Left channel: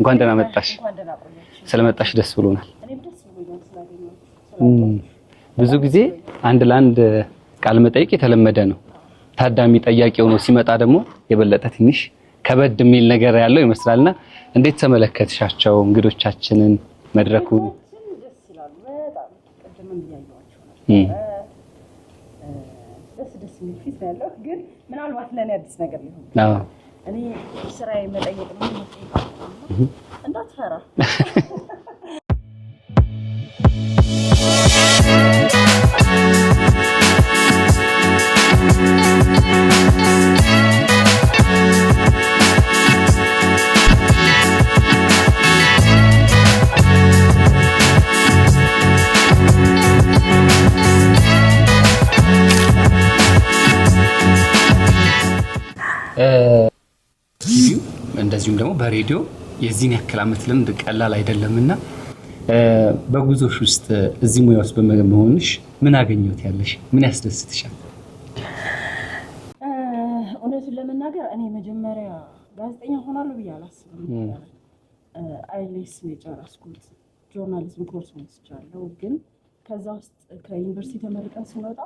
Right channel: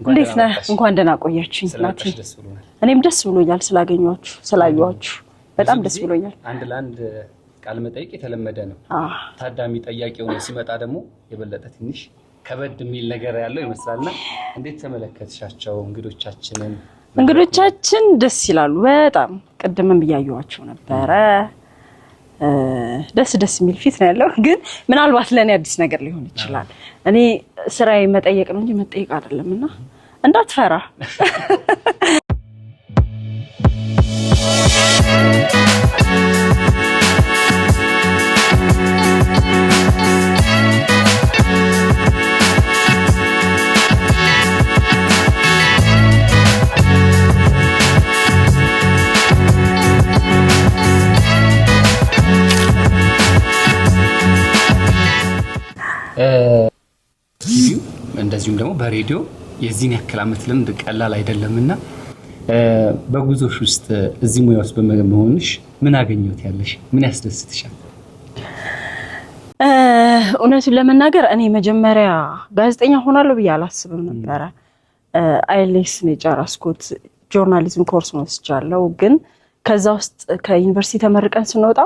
እንኳን ደህና ቆያችሁ ስለመጣሽ ደስ ብሎናል እኔም ደስ ብሎኛል ስላገኘኋችሁ ስላየኋችሁ በጣም ደስ ብሎኛል አንድ ለአንድ ቃል መጠይቅ የተለመደ ነው ታዳሚ ጠያቂው ነው ሲመጣ ደግሞ የበለጠ ትንሽ ከበድ የሚል ነገር ያለው ይመስላልና እንዴት ተመለከትሻቸው እንግዶቻችንን እንግዶቻችን ደስ ይላሉ በጣም ቀደምም ያያዩዋቸው ነበር ደስ የሚል ፊት ነው ያለው ግን ምናልባት ለኔ አዲስ ነገር ሊሆን ይችላል እኔ ስራዬ መጠየቅ ነው መጠየቅ አይደለምና እንዳትፈራ እንደዚሁም ደግሞ በሬዲዮ የዚህን ያክል አመት ልምድ ቀላል አይደለምና በጉዞሽ ውስጥ እዚህ ሙያ ውስጥ በመሆንሽ ምን አገኘሁት ያለሽ ምን ያስደስትሻል እውነቱን ለመናገር እኔ መጀመሪያ ጋዜጠኛ ሆናለሁ ብዬ አላስብም ነበር አይኤልቲኤስ ነው የጨረስኩት ጆርናሊዝም ኮርስ ወስጃለሁ ግን ከዛ ውስጥ ከዩኒቨርሲቲ ተመርቀን ስንወጣ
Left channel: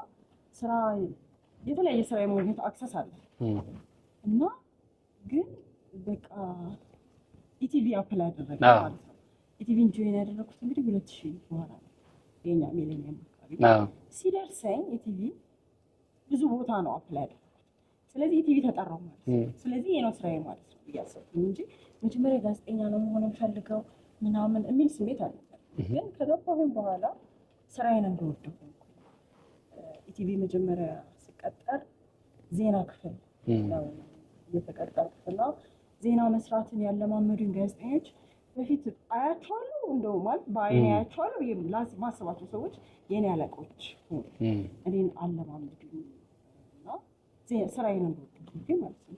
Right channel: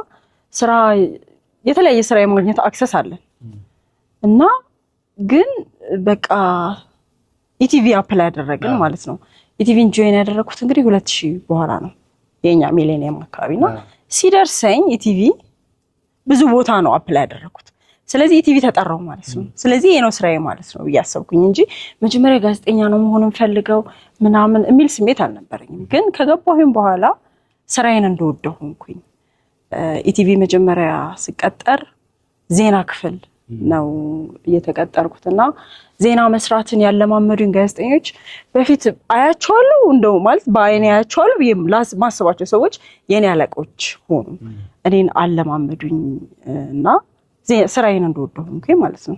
ስራ የተለያየ ስራ የማግኘት አክሰስ አለን እና ግን በቃ ኢቲቪ አፕላይ ያደረገን ማለት ነው ኢቲቪን ጆይን ያደረኩት እንግዲህ 2000 በኋላ ነው የኛ ሚሌኒየም አካባቢ ነው ሲደርሰኝ ኢቲቪ ብዙ ቦታ ነው አፕላይ ያደረኩት ስለዚህ ኢቲቪ ተጠራው ማለት ነው ስለዚህ የኔ ስራዬ ማለት ነው ያሰብኩኝ እንጂ መጀመሪያ ጋዜጠኛ ነው መሆን ፈልገው ምናምን የሚል ስሜት አልነበረኝም ግን ከገባሁኝ በኋላ ስራዬን እንደወደው ሆንኩኝ ኢቲቪ መጀመሪያ ሲቀጠር ዜና ክፍል ነው እየተቀጠርኩትና ዜና መስራትን ያለማመዱኝ ጋዜጠኞች በፊት አያቸዋለሁ እንደው ማለት በአይኔ አያቸዋለሁ ማስባቸው ሰዎች የኔ አለቆች ሆኑ እኔን አለማመዱኝ እና ስራዬን እንደወደድኩኝ ማለት ነው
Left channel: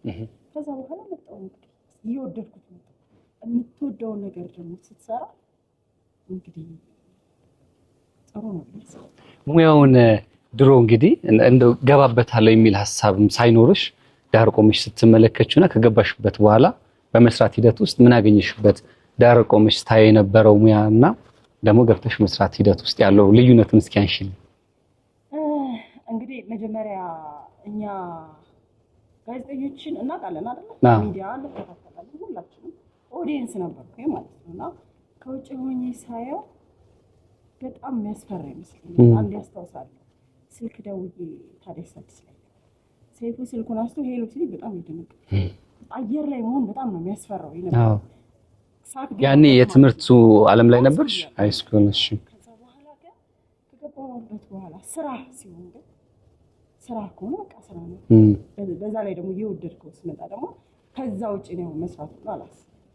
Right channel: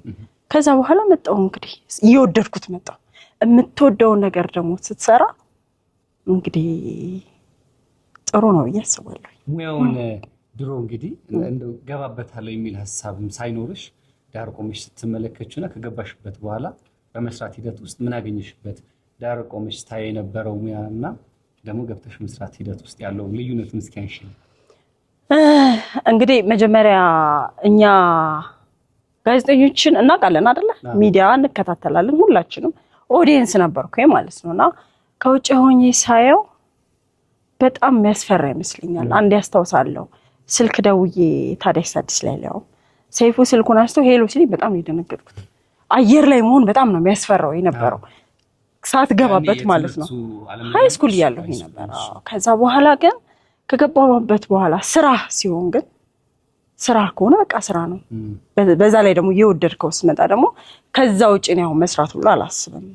ከዛ በኋላ መጣሁ እንግዲህ እየወደድኩት መጣሁ የምትወደው ነገር ደግሞ ስትሰራ እንግዲህ ጥሩ ነው ያስባለሁ ሙያውን ድሮ እንግዲህ እንደው ገባበታለሁ የሚል ሐሳብም ሳይኖርሽ ዳር ቆመሽ ስትመለከቹና ከገባሽበት በኋላ በመስራት ሂደት ውስጥ ምን አገኘሽበት ዳር ቆመሽ ታይ የነበረው ሙያና ደግሞ ገብተሽ መስራት ሂደት ውስጥ ያለው ልዩነቱን እስኪ አንሺኝ እንግዲህ መጀመሪያ እኛ ጋዜጠኞችን እናውቃለን አይደለ ሚዲያ እንከታተላለን ሁላችንም ኦዲየንስ ነበርኩኝ ማለት ነውና ከውጭ ሆኜ ሳየው በጣም የሚያስፈራ ይመስለኛል አንድ ያስተውሳለሁ ስልክ ደውዬ ታዲያስ አዲስ ላይ ነው ሰይፉ ስልኩን አስቶ ሄሎ ሲል በጣም ይደነገጥኩ አየር ላይ መሆን በጣም ነው የሚያስፈራው የነበረው ሰዓት ገባበት ማለት ነው የትምህርቱ ዓለም ላይ ነበር ከዛ በኋላ ግን ከገባሁበት በኋላ ስራ ሲሆን ግን ስራ ከሆነ በቃ ስራ ነው በዛ ላይ ደግሞ የወደድከው ስመጣ ደግሞ ከዛ ውጪ ነው መስራት ሁሉ አላስብም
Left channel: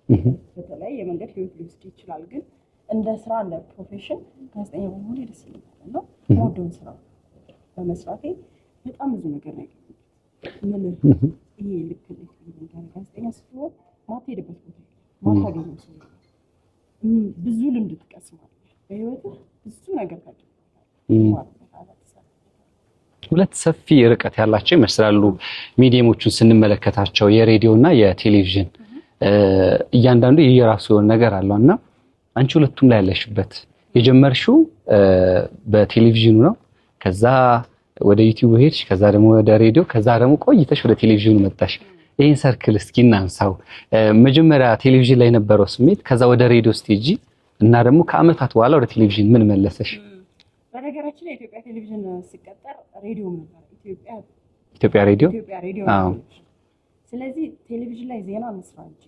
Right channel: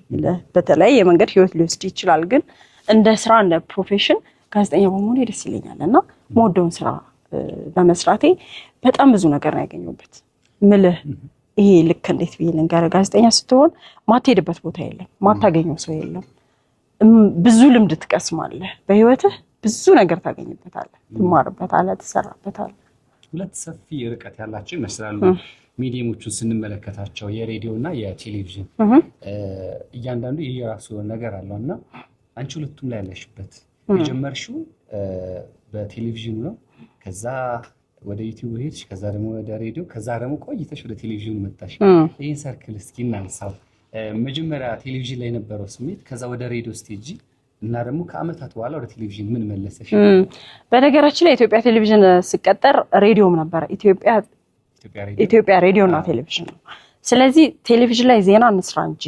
በተለይ የመንገድ ህይወት ሊወስድ ይችላል ግን እንደ ስራ እንደ ፕሮፌሽን ጋዜጠኛ በመሆን ደስ ይለኛልና ሞደውን ስራ በመስራቴ በጣም ብዙ ነገር ነው ያገኘሁበት ምልህ ይሄ ልክ እንዴት ብዬ ልንገር ጋዜጠኛ ስትሆን ማትሄድበት ቦታ የለም ማታገኘው ሰው የለም ብዙ ልምድ ትቀስማለህ በህይወትህ ብዙ ነገር ታገኝበታለህ ትማርበታለህ ትሰራበታለህ ሁለት ሰፊ ርቀት ያላቸው ይመስላሉ ሚዲየሞቹን ስንመለከታቸው የሬዲዮና የቴሌቪዥን እያንዳንዱ የራሱ ነገር አለውና አንቺ ሁለቱም ላይ ያለሽበት የጀመርሽው በቴሌቪዥኑ ነው ከዛ ወደ ዩቲዩብ ሄድሽ ከዛ ደግሞ ወደ ሬዲዮ ከዛ ደግሞ ቆይተሽ ወደ ቴሌቪዥኑ መጣሽ ይሄን ሰርክል እስኪ እናንሳው መጀመሪያ ቴሌቪዥን ላይ ነበረው ስሜት ከዛ ወደ ሬዲዮ ስቴጂ እና ደግሞ ከአመታት በኋላ ወደ ቴሌቪዥን ምን መለሰሽ በነገራችን ላይ ኢትዮጵያ ቴሌቪዥን ሲቀጠር ሬዲዮም ነበር ኢትዮጵያ ሬዲዮ ነው ቴሌቪዥን ስለዚህ ቴሌቪዥን ላይ ዜና እንስራ እንጂ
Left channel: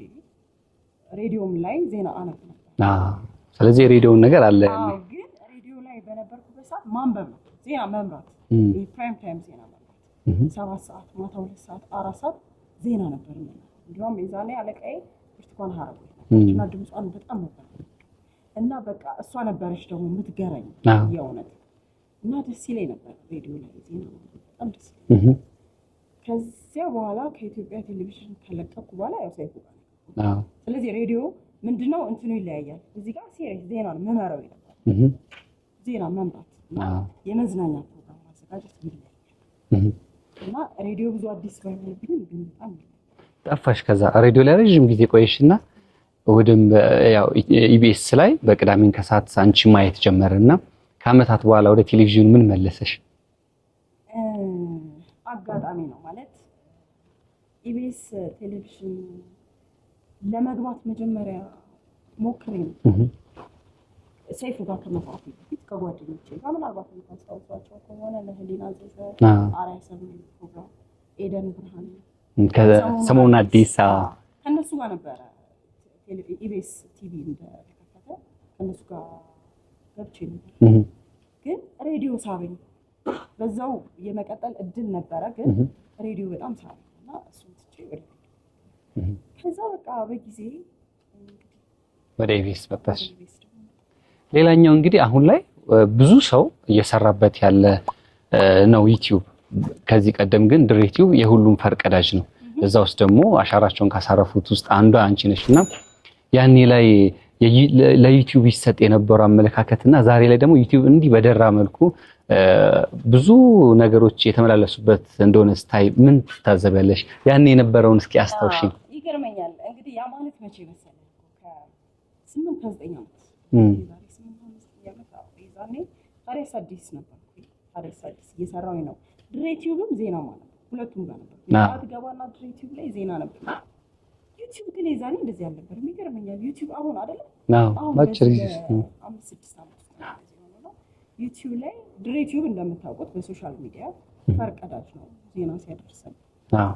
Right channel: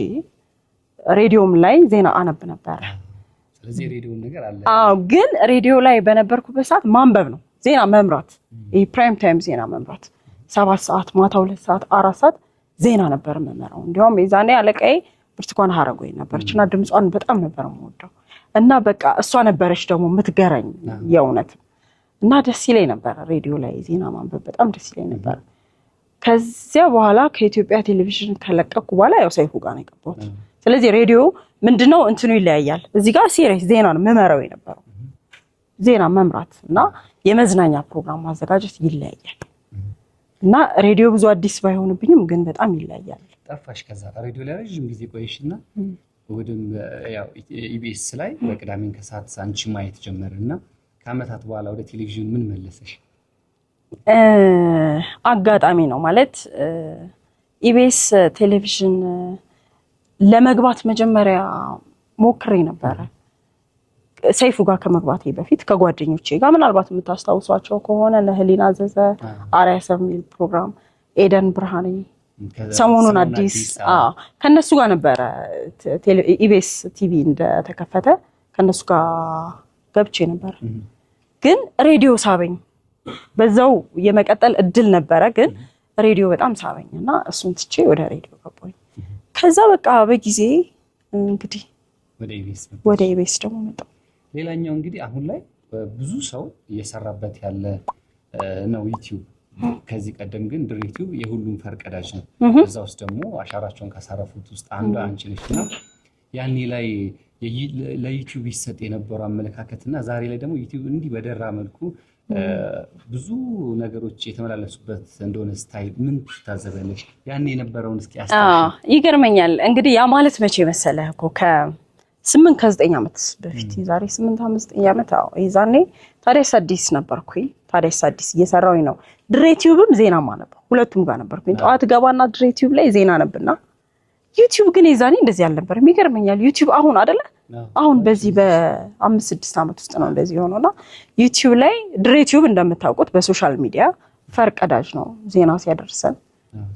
ሬዲዮም ላይ ዜና አነብ ነበር ስለዚህ ሬዲዮን ነገር አለ ግን ሬዲዮ ላይ በነበርኩበት ሰዓት ማንበብ ነው ዜና መምራት ይሄ ፕራይም ታይም ዜና መምራት 7 ሰዓት ማታ 2 ሰዓት 4 ሰዓት ዜና ነበር መመራው እንዲያውም የዛኔ አለቃዬ ብርቱካን ሀረጎይ ነበርችና ድምጿን በጣም ነበር የምወደው እና በቃ እሷ ነበረች ደግሞ የምትገረኝ የእውነት እና ደስ ይለኝ ነበር ሬዲዮ ላይ ዜና ማንበብ በጣም ደስ ይለኝ ነበር ከዚያ በኋላ ከኢትዮጵያ ቴሌቪዥን ከለቀኩ በኋላ ያው ሰይፉ ጋር ነው የገባሁት ስለዚህ ሬዲዮ ምንድነው እንትኑ ይለያያል እዚህ ጋር ሲሪየስ ዜና ነው መመራው የነበረው ዜና መምራት እና የመዝናኛ ፕሮግራም ማዘጋጀት ይለያያል እና ሬዲዮ ብዙ አዲስ ባይሆንብኝም ግን በጣም ይለያያል ጠፋሽ ከዛ ሬዲዮ ላይ ረጅም ጊዜ ቆየሽና ወደም ያው ኢቢኤስ ላይ በቅዳሜን ከሰዓት አንቺ ማየት ጀመረና ከአመታት በኋላ ወደ ቴሌቪዥን ምን መለሰሽ? አጋጣሚ ነው ማለት ኢቢኤስ ቴሌቪዥን ለመግባት መጀመሪያ ሞክሬ ነበር። ሰይፉ ጋር ከመግባቴ በፊት ከጓደኞቼ ጋር ምናልባት የምታስታውሷቸው ከሆነ ለህሊና ዘዘ አርያ ሰሚል ፕሮግራም ኤደን ብርሃኔ ሰሞኑን አዲስ ከነሱ ጋር ነበረ ኢቢኤስ ቲቪ እንደተከፈተ ከነሱ ጋር ገብቼ ነበር። ግን ሬዲዮ ሳበኝ። በዛው የመቀጠል እድል ነበረ፣ ግን ሬዲዮ በጣም ሳበኝና እሱን ትቼ ወደ ሬዲዮ ገባኝ። ከዛ በቃ በጊዜ እንግዲህ ወደ ኢቢኤስ ደግሞ መጣሁ። ሌላኛው እንግዲህ አሁን ላይ ብዙ ሰው እየሰራበት ያለ ነው ዩቲዩብ። ከዚህ ቀደም ግን ድሬቲዩብ የሁሉም ፈርቀዳጅ ነው። በዛ ውስጥ ደግሞ አሻራቸውን ካሳረፉት ውስጥ አንዷ አንቺ ነሽና ያኔ ላይ ለዩቲዩብ ይሰጥ የነበረው አመለካከትና ዛሬ ላይ ደግሞ ዩቲዩብ እንዲህ በደራ መልኩ ብዙ ነገሮች የተመላለሱበት እንደሆነ ስታይ ምን ትታዘበለሽ? ያኔ የነበረውን እስኪ አስታውሽ። ይገርመኛል እንግዲህ ያ ማለት መቼ መሰለህ እኮ ከ8 ከ9 ዓመት በፊት ዛሬ 8 9 ዓመት ይዛኔ ታዲያስ አዲስ ነበርኩኝ። ታዲያስ አዲስ እየሰራሁኝ ነው። ድሬቲዩብም ዜና ነበር፣ ሁለቱም ጋር ነበርኩኝ። ጠዋት ገባና ድሬቲዩብ ላይ ዜና ነበርና ዩቲዩብ ግን ይዛኔ እንደዚህ አልነበረም። ይገርመኛል ዩቲዩብ አሁን አይደለ አሁን በዚህ በ5 6 ዓመት ውስጥ ነው እንደዚህ ሆኖና ዩቲዩብ ላይ ድሬቲዩብ እንደምታውቁት በሶሻል ሚዲያ ፈርቀዳጅ ነው። ዜና ሲያደርሰን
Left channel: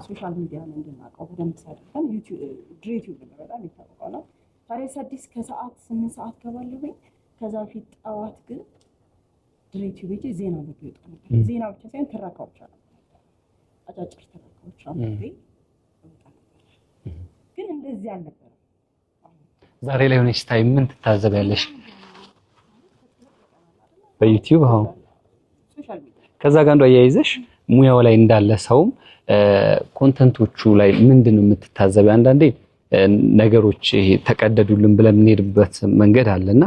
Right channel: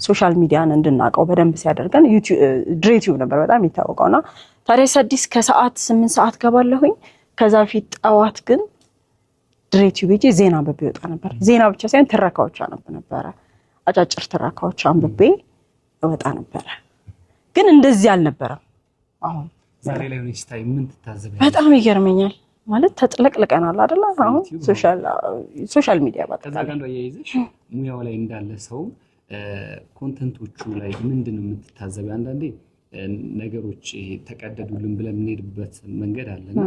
ሶሻል ሚዲያን እንድናቀው በደንብ ሲያደርገን ድሬቲዩብ ነበር በጣም የሚታወቀውና ታዲያስ አዲስ ከሰዓት 8 ሰዓት ገባለሁኝ። ከዛ ፊት ጠዋት ግን ድሬቲዩብ ሄጄ ዜና አንብቤ ወጣ ነበር። ዜና ብቻ ሳይሆን ትረካዎች አነብ ነበረ። አጫጭር ትረካዎች አንብቤ ወጣ ነበረ። ግን እንደዚህ አልነበረም። አሁን ዛሬ ላይ ሆነሽ ታይ ምን ትታዘበያለሽ? በጣም ይገርመኛል ማለት ተጥለቅልቀናል አይደል? ሶሻል ሚዲያ ባታ ከዛ ጋር አያይዘሽ ሙያው ላይ እንዳለ ሰውም ኮንተንቶቹ ላይ ምንድነው የምትታዘበው? አንዳንዴ ነገሮች ተቀደዱልን ብለን የምንሄድበት መንገድ አለና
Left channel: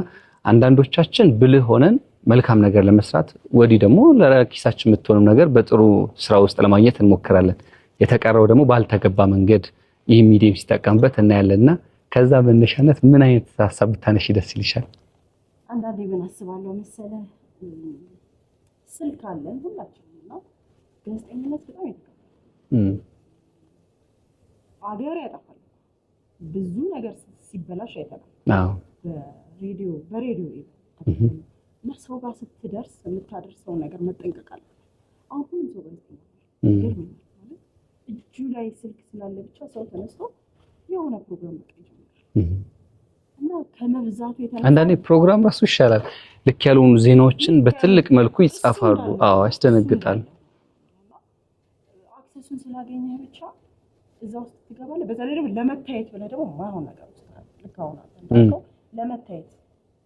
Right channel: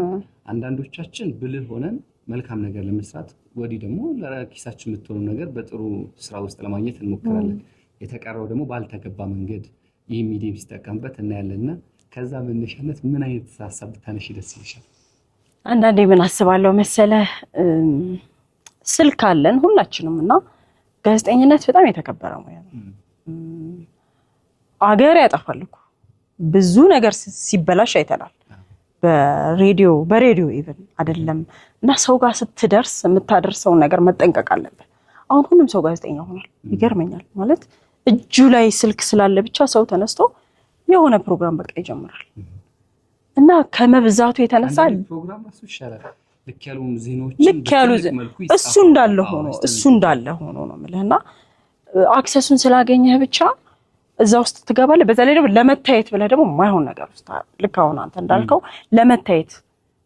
አንዳንዶቻችን ብልህ ሆነን መልካም ነገር ለመስራት ወዲህ ደግሞ ለኪሳችን የምትሆነው ነገር በጥሩ ስራ ውስጥ ለማግኘት እንሞክራለን። የተቀረው ደግሞ ባልተገባ መንገድ ይህ ሚዲያ ሲጠቀምበት እናያለንና ከዛ መነሻነት ምን አይነት ሀሳብ ብታነሺ ደስ ይልሻል? አንዳንዴ ምን አስባለሁ መሰለህ ስልክ አለን ሁላችንም እና ጋዜጠኝነት በጣም የተከበረ ሙያ ነው። አገር ያጠፋል እኮ ብዙ ነገር ሲበላሽ አይተናል። በሬዲዮ ኢቭን አይደለም እና ሰው ጋር ስትደርስ የምታደርሰውን ነገር መጠንቀቅ አለበት። አሁን ሁሉም ሰው ጋዜጠኛ ሆኗል። ይገርመኛል ማለት እጁ ላይ ስልክ ስላለ ብቻ ሰው ተነስቶ የሆነ ፕሮግራም በቃ ይጀምራል እና ከመብዛቱ የተነሳ አንዳንዴ ፕሮግራም ራሱ ይሻላል። ልክ ያልሆኑ ዜናዎችን በትልቅ መልኩ ይጻፋሉ። እሱ እንዳለ ሆኖ ነው የምልህና አክሰሱን ስላገኘህ ብቻ እዛ ውስጥ ትገባለህ። በዛ ላይ ደግሞ ለመታየት ብለህ ደግሞ የማይሆን ነገር ውስጥ ልክ አሁን አንተ እንዳልከው ለመታየት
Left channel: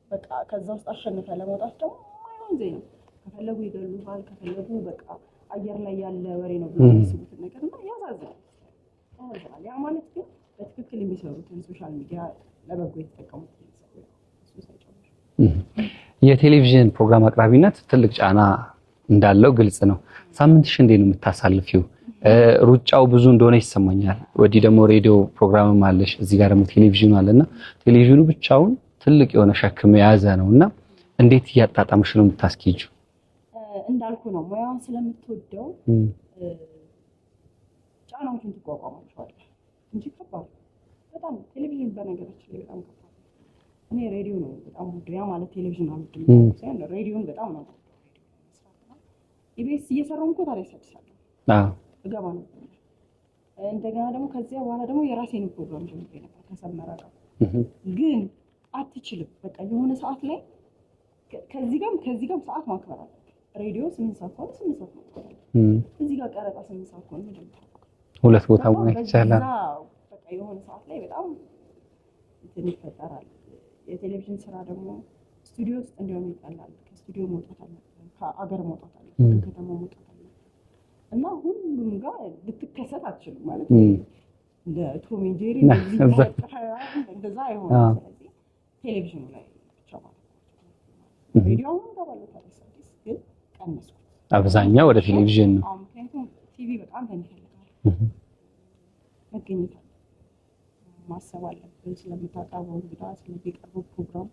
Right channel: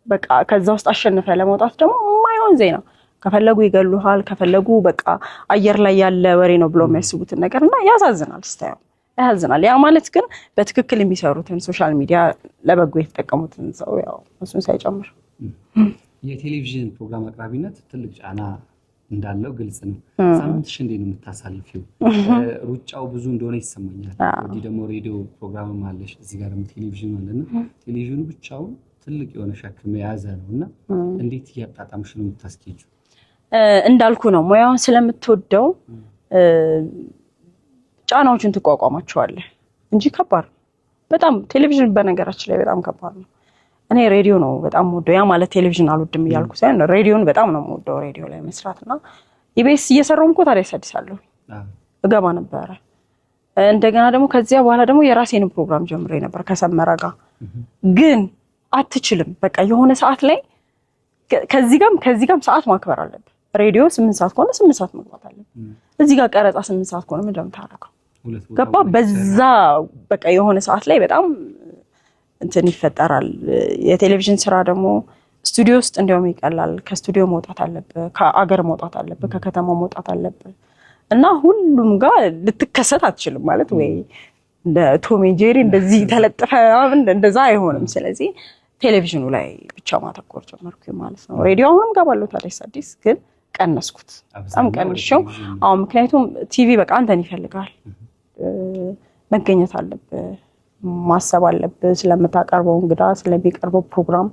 በቃ ከዛ ውስጥ አሸንፈ ለመውጣት ደግሞ የማይሆን ዜና ከፈለጉ ይገሉሃል፣ ከፈለጉ በቃ አየር ላይ ያለ ወሬ ነው ብሎ የሚያስቡትን ነገርና ያሳዝናል። ስታየው ያሳዝናል። ያ ማለት ግን በትክክል የሚሰሩትን ሶሻል ሚዲያ ለበጎ የተጠቀሙትን ሰው ያው እሱን ሳይጨምር የቴሌቪዥን ፕሮግራም አቅራቢነት ትልቅ ጫና እንዳለው ግልጽ ነው። ሳምንትሽ እንዴት ነው የምታሳልፊው? ሩጫው ብዙ እንደሆነ ይሰማኛል። ወዲህ ደግሞ ሬዲዮ ፕሮግራምም አለሽ፣ እዚህ ጋር ደግሞ ቴሌቪዥኑ አለና ቴሌቪዥኑ ብቻውን ትልቅ የሆነ ሸክም የያዘ ነውና እንዴት እያጣጣምሽ ነው የምታስኬጂው? እንዳልኩ ነው ሙያውን ስለምትወደው ጫናዎችን ትቋቋማቸዋለህ እንጂ ከባድ ነው በጣም። ቴሌቪዥን በነገራችን ላይ በጣም ከባድ ነው። እኔ ሬዲዮ ነው በጣም የምወደው። ያ ማለት ቴሌቪዥን አልወድም እያልኩ ሳይሆን ሬዲዮን በጣም ነው የምወደው። ሬዲዮ ላይ መስራትና ኢቢኤስ እየሰራሁ እኮ ታዲያስ አዲስ አለሁ እገባ ነበረ። እንደገና ደግሞ ከዚያ በኋላ ደግሞ የራሴን ፕሮግራም ጀምሬ ነበር ከሰመረ ጋር። ግን አትችልም በቃ የሆነ ሰዓት ላይ ከዚህ ጋርም ሰዓት ማክበር አለብህ። ሬዲዮ 8 ሰዓት ከሆነ 8 ሰዓት መግባት አለብህ። እዚህ ጋር ቀረጻ 8 ሰዓት ከሆነ ምንድን ነው የምታደርገው? ሁለት ቦታ ገባ። በዛ በቃ የሆነ ሰዓት ላይ በጣም እንትን ይፈጠራል። የቴሌቪዥን ስራ ደግሞ ስቱዲዮ ውስጥ እንዲያውም ይቀላል። ከስቱዲዮ መውጣት አለብህ፣ ከአገር መውጣት አለብህ፣ ከከተማ መውጣት አለብህ እና ሁሉም ጋር ልትከሰት አትችልም ማለት ወይ እንደ ቶም ኤንድ ጄሪ እንደዚህ ተለጥፈ እንደዛ አይሆንም። ስለዚህ ቴሌቪዥኑ ላይ ብቻ ማተኮር ጀመርኩ ማለት ነው። ሬዲዮ አሁንም ገባለሁ ታዲያስ አዲስ ግን ቀነስኩት አብዛኛው ወደ ቴሌቪዥን። አዎ ምክንያቱም ቲቪ በቃ አንተን ይፈልጋል፣ መገኘት አለብህ ማሰብ አለብህ። ስለምታቀርበው እንግዳ ስለሚቀርበው ፕሮግራም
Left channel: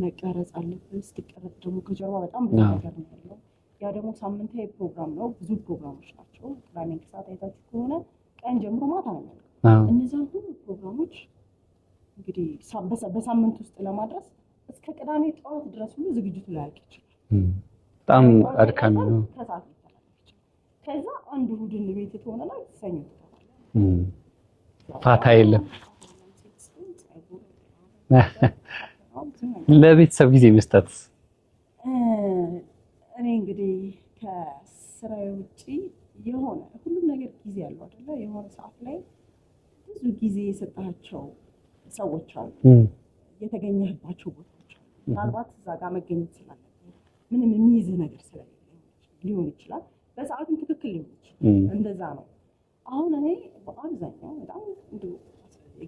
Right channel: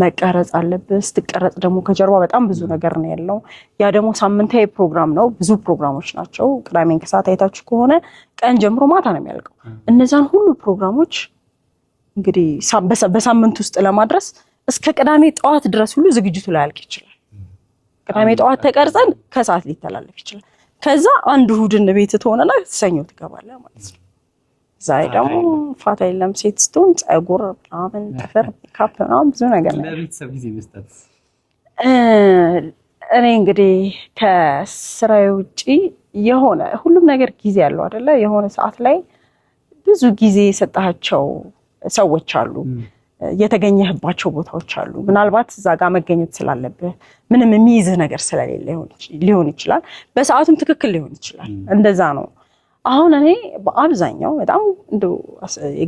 መቀረጽ አለብህ። ስትቀረጽ ደግሞ ከጀርባ በጣም ብዙ ነገር ነው ያለው። ያ ደግሞ ሳምንታዊ ፕሮግራም ነው፣ ብዙ ፕሮግራሞች ናቸው። ቅዳሜን ከሰዓት አይታችሁ ከሆነ ቀን ጀምሮ ማታ ነው የሚያልቀው። እነዛን ሁሉ ፕሮግራሞች እንግዲህ በሳምንት ውስጥ ለማድረስ እስከ ቅዳሜ ጠዋት ድረስ ሁሉ ዝግጅቱ ላይ ያልቅ ይችላል። ቅዳሜ ጠዋት ተቀርጸን ከሰዓት ሊተላለፍ ይችላል። ከዛ አንድ እሑድን ቤት ትሆነና ሰኞ ትገባለህ ማለት ነው። ፋታ የለም። ሴት ስትሆን ፀጉር ምናምን ካፕ ምናምን ብዙ ነገር። ለቤተሰብ ጊዜ መስጠት እኔ እንግዲህ ከስራዬ ውጪ የሆነ ሁሉም ነገር ጊዜ ያለው አይደለ? የሆነ ሰዓት ላይ ብዙ ጊዜ የሰጣቸው ሰዎች አሉ፣ የተገኘህባቸው ቦታዎች አሉ። ምናልባት እዛ ጋር መገኘት ስላለብህ ምንም የሚይዝህ ነገር ስለሌለ ሊሆን ይችላል። በሰዓቱም ትክክል ሊሆን ይችላል። እንደዛ ነው። አሁን እኔ በአብዛኛው በጣም እንደው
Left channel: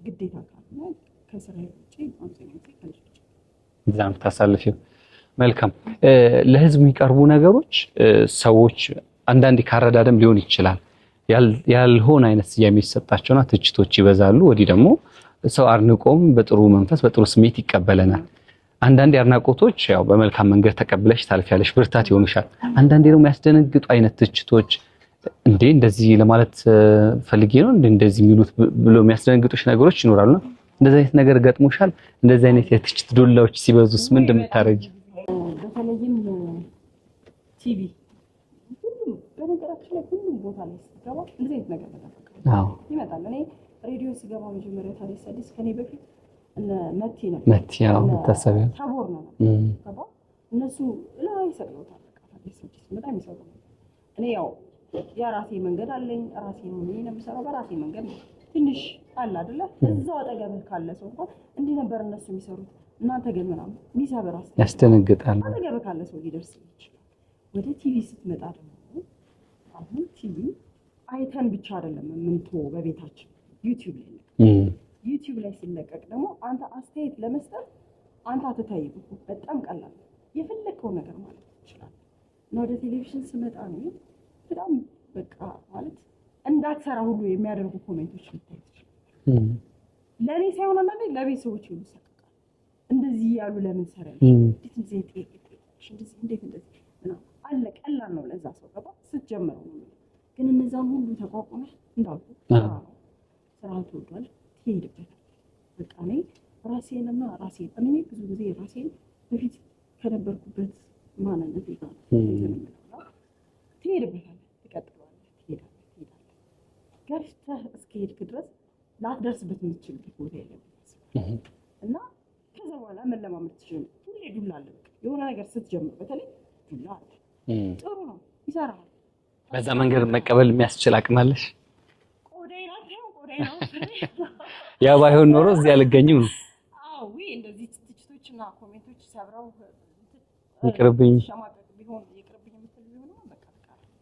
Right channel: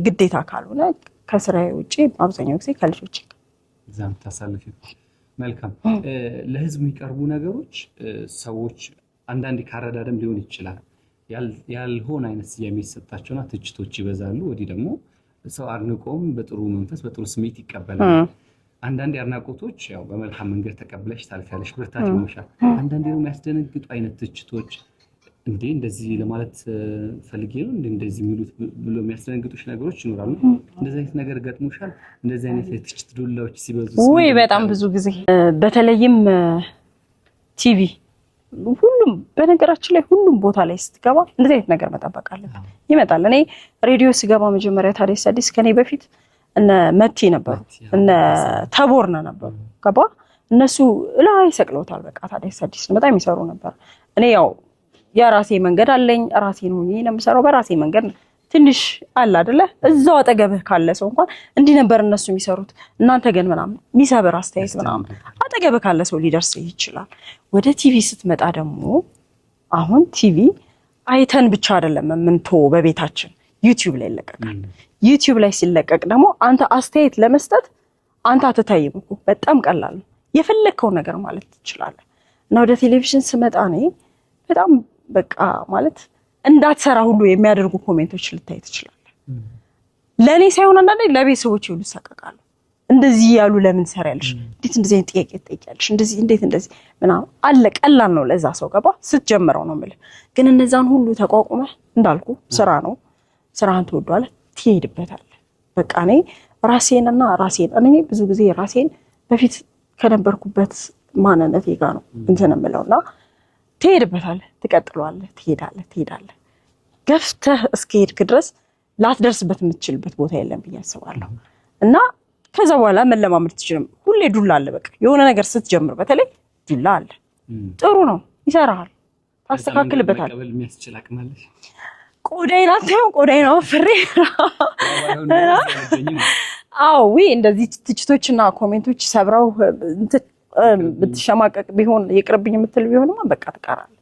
ግዴታ ካልሆነ ከስራዬ ውጪ በአብዛኛው ጊዜ ከልጆች እዛም ታሳልፊው። መልካም። ለህዝብ የሚቀርቡ ነገሮች ሰዎች አንዳንዴ ካረዳደም ሊሆን ይችላል ያልሆነ አይነት ስያሜ የሚሰጣቸውና ትችቶች ይበዛሉ። ወዲህ ደግሞ ሰው አድንቆም በጥሩ መንፈስ በጥሩ ስሜት ይቀበለናል። አንዳንዴ አድናቆቶች ያው በመልካም መንገድ ተቀብለሽ ታልፊያለሽ፣ ብርታት ይሆንሻል። አንዳንዴ ደግሞ የሚያስደነግጡ አይነት ትችቶች እንዴ እንደዚህ ለማለት ፈልጌ ነው እንደዚህ የሚሉት ብሎ የሚያስደነግጡሽ ነገሮች ይኖራሉ። እንደዚህ አይነት ነገር ገጥሞሻል? እንደዚህ አይነት የትችት ዱላዎች ሲበዙስ ምን እንደምታረጊ? በጣም ብዙ ጊዜ በተለይም ቲቪ ሁሉም በነገራችን ላይ ሁሉም ቦታ ላይ ስትገባ እንደዚህ አይነት ነገር መጠበቃለን ይመጣል። እኔ ሬዲዮ ስገባ መጀመሪያ ታዲያስ አዲስ ከኔ በፊት እነ መቲ ነበር እነ ተቦርነ ነበር ገባ እነሱ ላይ ሰቅለውታል። በቃ ታዲያስ አዲስ በጣም የሚሰሩ ነበር። እኔ ያው የራሴ መንገድ አለኝ፣ ራሴ ነው የምሰራው በራሴ መንገድ። ትንሽ አለ አይደለ እዛው አጠገብህ ካለ ሰው እንኳን እንዲህ ነበር እነሱ የሚሰሩት እናንተ ግን ምናምን የሚሰብር አስተያየት ነው አጠገብህ ካለ ሰው ሊደርስ ይችላል። ወደ ቲቪ ስትመጣ ደግሞ አሁን ቲቪ አይተን ብቻ አይደለም የምንተው፣ በቤታችን ዩቲዩብ ላይ ይለቀቃል። ዩቲዩብ ላይ ሲለቀቅ ደግሞ አንተ አስተያየት ለመስጠት አንተ አትታይም እኮ፣ በጣም ቀላል ነው። የፈለከው ነገር ማለት ትችላለህ። እና ወደ ቴሌቪዥን ስመጣ እኔ በጣም በቃ ማለት እንዳትሰራ ሁሉ የሚያደርጉ ኮሜንቶች ልታይ ትችላለህ። ለኔ ሳይሆን አንዳንዴ ለቤተሰቦች ሁሉ ሰቀቃሉ። እንደዚህ ያሉ ለምን ሰራያለሽ? እንዴት እንደዚህ አይነት ጥያቄ ትጠይቂያለሽ? እንደዚህ እንዴት እንደዚህ ምናምን አለ። ቀላል ነው ለዛ ሰው ገባ ስትጀምረው ነው የምልህ። ግን እነዛን ሁሉ ተቋቁመህ እንዳልኩ ስራ ነው፣ ስራህን ትወዷለህ፣ ትሄድበታለህ። በቃ እኔ ራሴን እኔ ብዙ ጊዜ ራሴን በፊት ከነበርኩበት ማንነቴ ጋር ነው እንትን የምለውና ትሄድበታለህ፣ ትቀጥለዋለህ፣ ትሄዳለህ። ገፍተህ እስከሄድክ ድረስ ላትደርስበት የምትችልበት ቦታ የለም ብዬ አስባለሁ። እና ከዛ በኋላ መለማመድ ትችልም። ሁሌ ዱላ አለ። በቃ የሆነ ነገር ስትጀምር በተለይ ዱላ አለ። ጥሩ ነው፣ ይሰራሃል፣ ታስተካክልበታል። መቀበል የሚያስችል አቅም አለሽ። ቆዳዬን አታየው? ቆዳዬን አወፍሬ ያ ባይሆን ኖሮ እዚህ አልገኝም። አዎ እንደዚህ ትችቶችና ኮሜንቶች ሰብረው ብትሸማቀቅ ቢሆን ይቅርብኝ የምትል ቢሆንማ በቃ ትቀራለህ።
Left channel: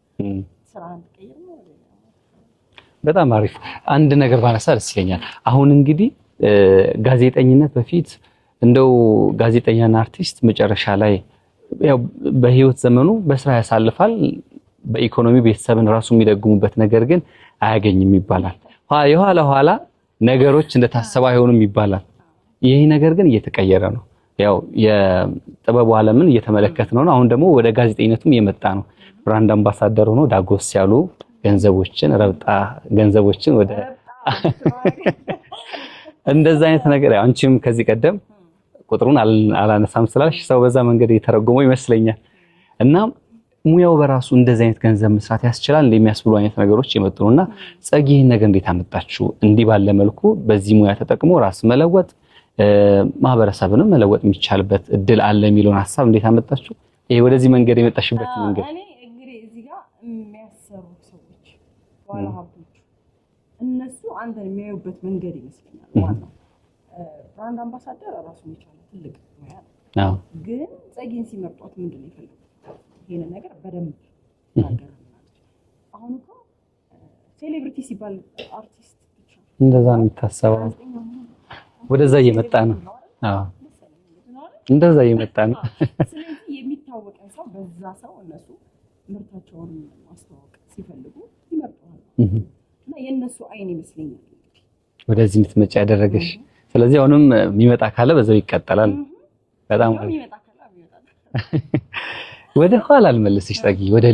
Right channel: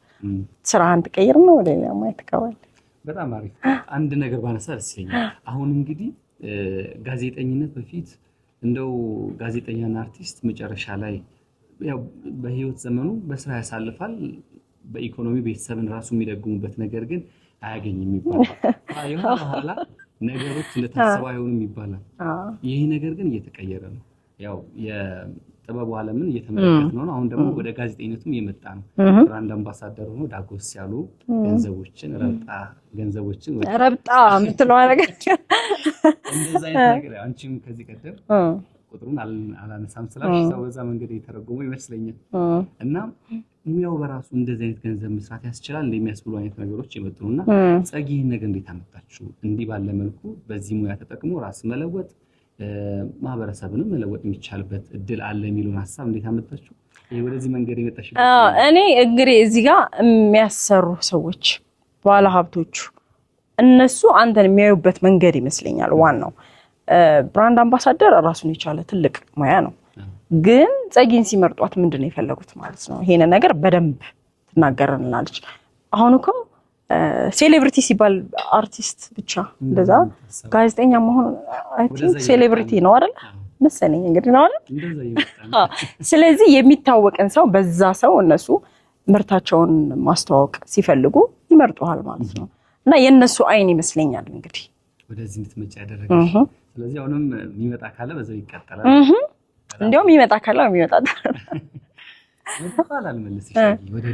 ስራህን ትቀይር ነው ወደ ሌላ ማየት ትገባለህ። በጣም አሪፍ። አንድ ነገር ባነሳ ደስ ይለኛል። አሁን እንግዲህ ጋዜጠኝነት በፊት እንደው ጋዜጠኛና አርቲስት መጨረሻ ላይ ያው በህይወት ዘመኑ በስራ ያሳልፋል፣ በኢኮኖሚ ቤተሰብን ራሱ የሚደጉሙበት ነገር ግን አያገኝም ይባላል። የኋላ ኋላ ነገሮች እንደታሰበ አይሆኑም ይባላል። ይሄ ነገር ግን እየተቀየረ ነው። ያው የጥበቡ ዓለምን እየተመለከት ነው። አሁን ደግሞ ወደ ጋዜጠኝነቱም እየመጣ ነው። ብራንድ አምባሳደር ሆኖ ዳጎስ ያሉ ገንዘቦችን ወደ ረብጣ ምትለው ነገር እንደዛ አይነት ነገር አንቺም ከዚህ ቀደም ቁጥሩን አላነሳም ስላልሽ ሰው በዛ መንገድ የተረጎመው ይመስለኛል። እና ሙያው በራሱ እንደዚህ አይነት ገንዘብ መስራት ያስችላል እንደሚያስብሉ አይነት ነገሮች የመጡ ነውና ጸጊ ይሄን ነገር እንዴት አመጣችሁ? እንዲህ ባለ መልኩ በዚህ ሙያ ተጠቅሞ ራስ መለወጥ ማህበረሰብንም መለወጥ የሚቻልበት እድል አለ የሚለውን ሐሳብ እንዴት አመጣችሁ? ይሄ ወደዚህ መንገድ የመጣሽበት እኔ እንግዲህ እዚህ ጋር የሚያሰሩ ሰዎች ባለ ሀብቶቹ እነሱ አንተን የሚያዩበት መንገድ ይመስለኛል ዋናው። ብራንድ አምባሳደር ራሱን የቻለ ትልቅ ሙያ ነው። ግን ጸጊን ሲመርጧት ምንድነው የፈለጉት ማለት ነው? ይሄን ነገር በደንብ ትናገረናለች። አሁን እኮ ሴሌብሪቲ ሲባል አርቲስት ብቻ እንደዛ ጋዜጠኛ መሆን ሴሌብሪቲ ነው አይደል መሰለኝ እንግዲህ ነው አይደል እንደዛ ይመጣል። ስለዚህ የሚታወቅን ሰው በዛ ሰው እነሱ ምርታቸውን ማስተዋወቅ ሲፈልጉ ይመርጡሃል ማለት ነው። እና የነሱ አይን ይመስለኛል እንግዲህ ወደዚህ እንድትመጪ ያደረገሽ። ስለዚህ አሁንም የሚመጣ ካለ በዛው ይቀጥላል። በጣም እንደውም የሚመጣ ካለ የሚመጣ ወደ ኋላ አልመለስሽ ጸጊ፣ ወደ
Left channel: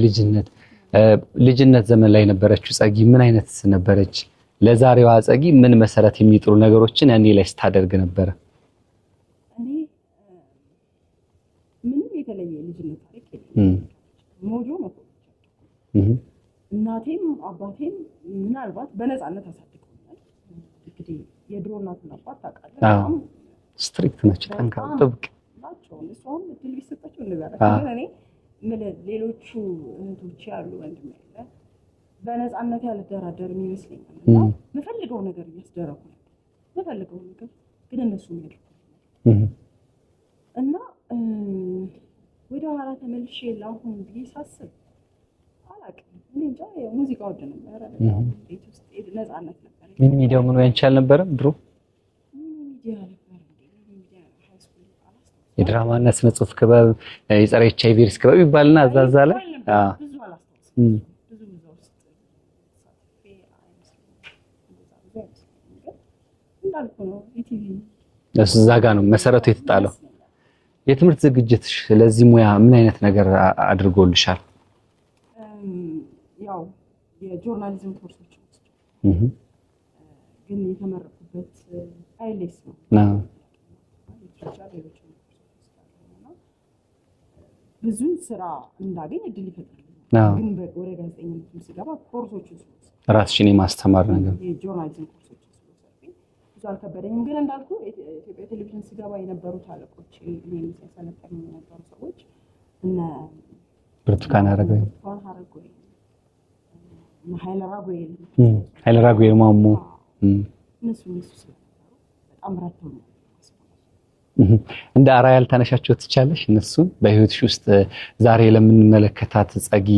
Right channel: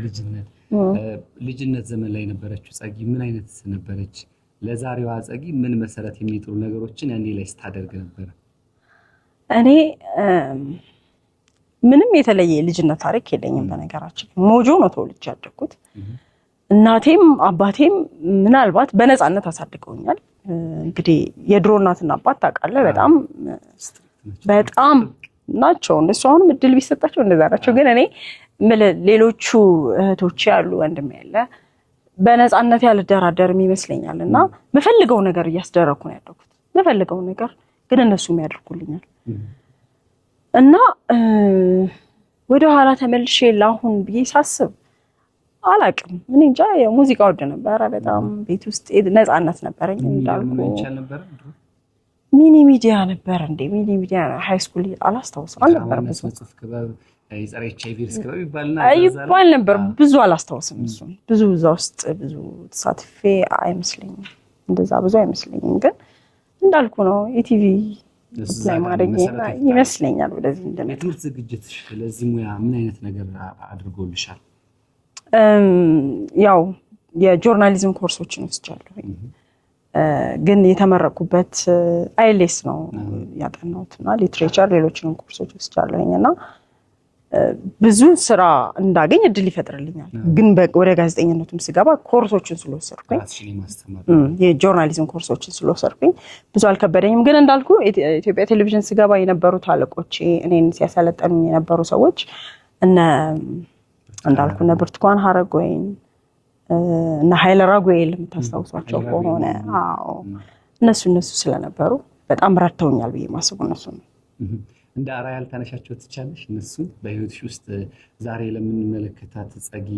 ልጅነት ዘመን ላይ ነበረችው ጸጊ ምን አይነት ነበረች? ለዛሬዋ ጸጊ ምን መሰረት የሚጥሉ ነገሮችን ያኔ ላይ ስታደርግ ነበር? እኔ ምንም የተለየ ልጅነት ታሪክ የለኝም። በነገራችን ሞጆ ነው ተወልጄ ያደግኩት። እናቴም አባቴም ምናልባት በነፃነት አሳድገውኛል። እንግዲህ የድሮ እናትና አባት ታውቃለህ በጣም ስትሪክት ናቸው፣ በጣም ናቸው። እነሱ አሁንም እድል ቢሰጣቸው እንደዛ ናቸው። ግን እኔ ሌሎቹ እህቶች ያሉ ወንድም ያለ በነፃነት ያልደራደርም ይመስለኛል እና የምፈልገው ነገር እያስደረኩ ነው ያደኩት። የምፈልገው ነገር ግን እነሱም ያደርጉልኛል እና ወደ ኋላ ተመልሼ ለአሁን ብዬ ሳስብ አላውቅም። እኔ እንጃ ሙዚቃ ወድ ነበረ በጣም ቤት ውስጥ ነፃነት ነበረኝ። ሚዲያ ምን ያንቻል ነበረ ድሮ ሚኒ ሚዲያ ነበር እንዴ? ሚኒ ሚዲያ ሃይ ስኩል አላስታውስም። ድራማና ስነ ጽሁፍ ክበብ፣ የጸረ ኤችአይቪ ሪስክ ክበብ ይባልና አዛዛለ ይባል ነበር። ብዙ አላስታውስም። ብዙ እዛ ውስጥ ብዙ ተሳትፌ አይመስለኝም። እንደዛ ብዙ አይመስለኝም። ግን እንዳልኩ ነው ኢቲቪ እዛ ጋር ነው መሰረቱ የተጣለው ይመስለኛል። ወደዚህ የትምህርት ዝግጅትሽ ለዚህ ሙያ ምን አይነት ነገር አድርጎልሻል? ያው የጆርናሊዝም ኮርሶችን ወስጃለሁ። ግን የተመረኩበት አይኤልኤስ ነው ያጠናሁትና ሊትሬቸር ሌሎችንም ኮርሶች ወስጃለሁኝና ብዙ ስራ እንዳገኝ እድል ይፈጥርልኛል። ግን ወደ ጋዜጠኝነቱም ስገባ ኮርሶችን ስለወሰድኩ ራስሽን የማስተማር የጆርናሊዝም ኮርሶችን ስለወሰድኩኝ ብዙ አልከበደኝም። ግን እንዳልኩ ኢትዮጵያ ቴሌቪዥን ስገባ የነበሩት አለቆቼ እኔን ሲያሰለጠኑ የነበሩ ሰዎች እነ ብርቱካን ሀረጎይን እና ኃይለ ራጉኤል የምታስታውሷቸው ኃይለ ራጉኤል ማሙ እነሱ ስለነበሩ በጣም ረድተውኛል ብዬ ማስበው እነሱ ነው። እንደ አርአያ ልታነሻቸው ትቻለሽ? እነሱን በህይወትሽ ውስጥ ዛሬ ለምንመለከታት ጸጊ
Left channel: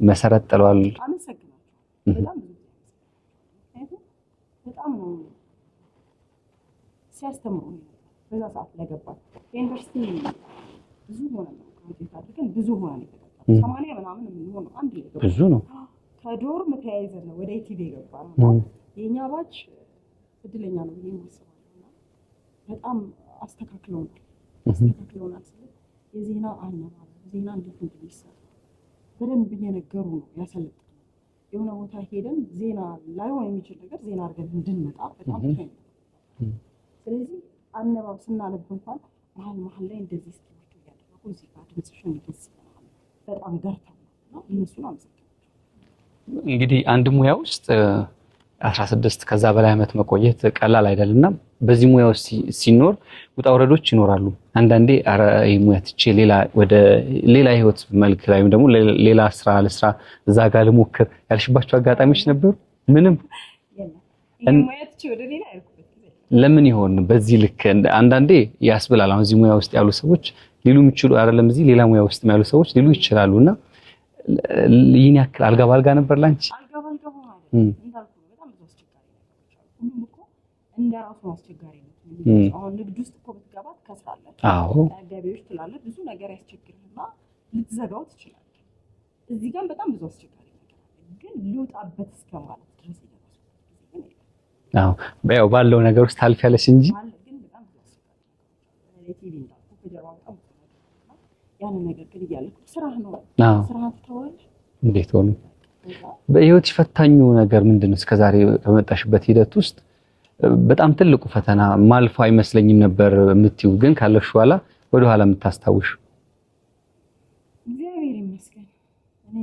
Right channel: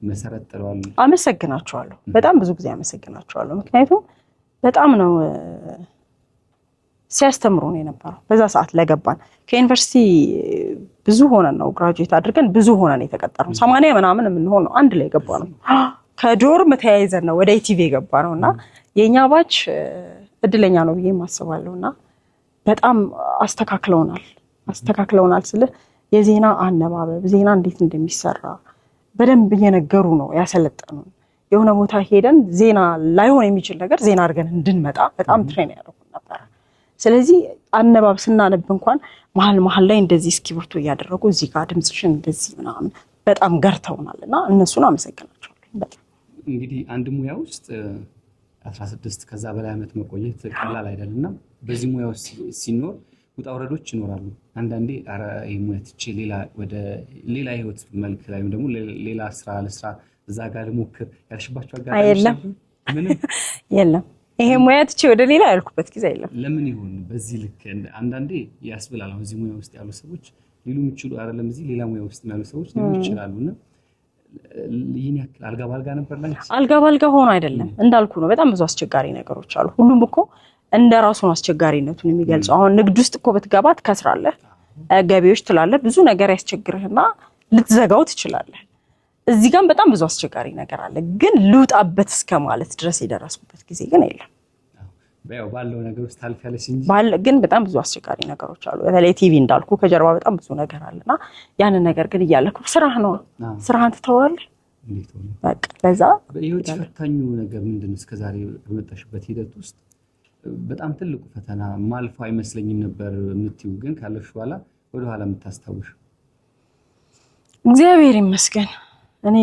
መሰረት ጥለዋል። አመሰግናቸዋለሁ። በጣም ብዙ ጊዜ አመሰግናቸዋለሁ። ምክንያቱም በጣም ነው ሲያስተምሩ ነው የነበረው። በዛ ሰዓት ለገባን ከዩኒቨርሲቲ ብዙ ሆነን ነው ግራጁዌት አድርገን ብዙ ሆነን የተቀጠርነው 80 ምናምን የምንሆን ነው አንድ ላይ ገባ ነው። ከዶርም ተያይዘን ነው ወደ ኢቲቪ የገባ ነውና የኛ ባች እድለኛ ነው ብዬ ማስባለሁና በጣም አስተካክለውናል ስለ የዜና አነባበብ ዜና እንዴት እንደሚሰራ በደንብ እየነገሩ ነው ያሰለጠኑ። የሆነ ቦታ ሄደን ዜና ላይሆን የሚችል ነገር ዜና አድርገን እንድንመጣ በጣም ትሬን ያደርጉን ነበር። ስለዚህ አነባብ ስናነብ እንኳን መሀል ላይ እንደዚህ እስክሪብቶ እያደረጉ እዚህ ጋር ድምጽሽን እንደዚህ ምናምን በጣም ገርተውናልና እነሱን አመሰግናቸዋለሁ። በጣም እንግዲህ አንድ ሙያ ውስጥ 16 ከዛ በላይ ዓመት መቆየት ቀላል አይደልና በዚህ ሙያ ውስጥ ሲኖር ውጣ ውረዶች ይኖራሉ። አንዳንዴ ይሄ ሙያ ትቼ ሌላ ህይወት መልክ ላይ ወይም ደግሞ ሌላ ስራ ለስራ እዛ ጋር ልሞክር ያልሽባቸው አጋጣሚዎች ነበሩ? ምንም የለም። ይሄ ሙያ ትቼ ወደ ሌላ ያልኩበት ጊዜ የለም። ለምን ይሆን በዚህ ልክ? አንዳንዴ ያስብላል። አሁን እዚህ ሙያ ውስጥ ያሉ ሰዎች ሊሉ የሚችሉ አይደለም እዚህ ሌላ ሙያ ውስጥ ያሉ ሰዎች ሊሉ ይችላሉና ይህን ያክል አልጋ ባልጋ ነበር ላንቺ? አልጋ ባልጋ ሆኖ አይደለም እንዳልኩ ነው። በጣም ብዙ አስቸጋሪ ነገሮች አሉ። ሁሉም እኮ እንደራሱ አስቸጋሪነቱን የሚገልጸው። አሁን ንግድ ውስጥ እኮ በትገባ ትከስራለህ፣ ገቢዎች ትላለህ፣ ብዙ ነገር ያስቸግርህና ልትዘጋው ትችላለህ። እዚህ ጋር በጣም ብዙ አስቸጋሪ ነገር አለ። ግን ልውጣበት እስከ ማለት ድረስ የደረስኩበት ጊዜ ግን የለም። ያው ባለው ነገር ውስጥ ታልፊያለሽ እንጂ ግን በጣም ብዙ አስቸጋሪ ነገሮች አሉ። በተለይ ቲቪ እንዳልኩ ከጀርባ በጣም ብዙ ነገር አለና ያንን ነገር ግን እያለኩ ስራህ ነው ስራህን ትተዋለህ። እንዴት ሆነ? በቃ ለዛ በህይወት ፈታኙ ነገር ምንድነው? እስከዛሬ በመጣሽበት ሂደት ውስጥ በጣም ትልቁ ፈተና ማልፎ አይመስለኝም ነበር የምትይው ግን ካለሽ በኋላ ወደ ኋላ የምታስታውሽ? እግዚአብሔር ይመስገን። እኔ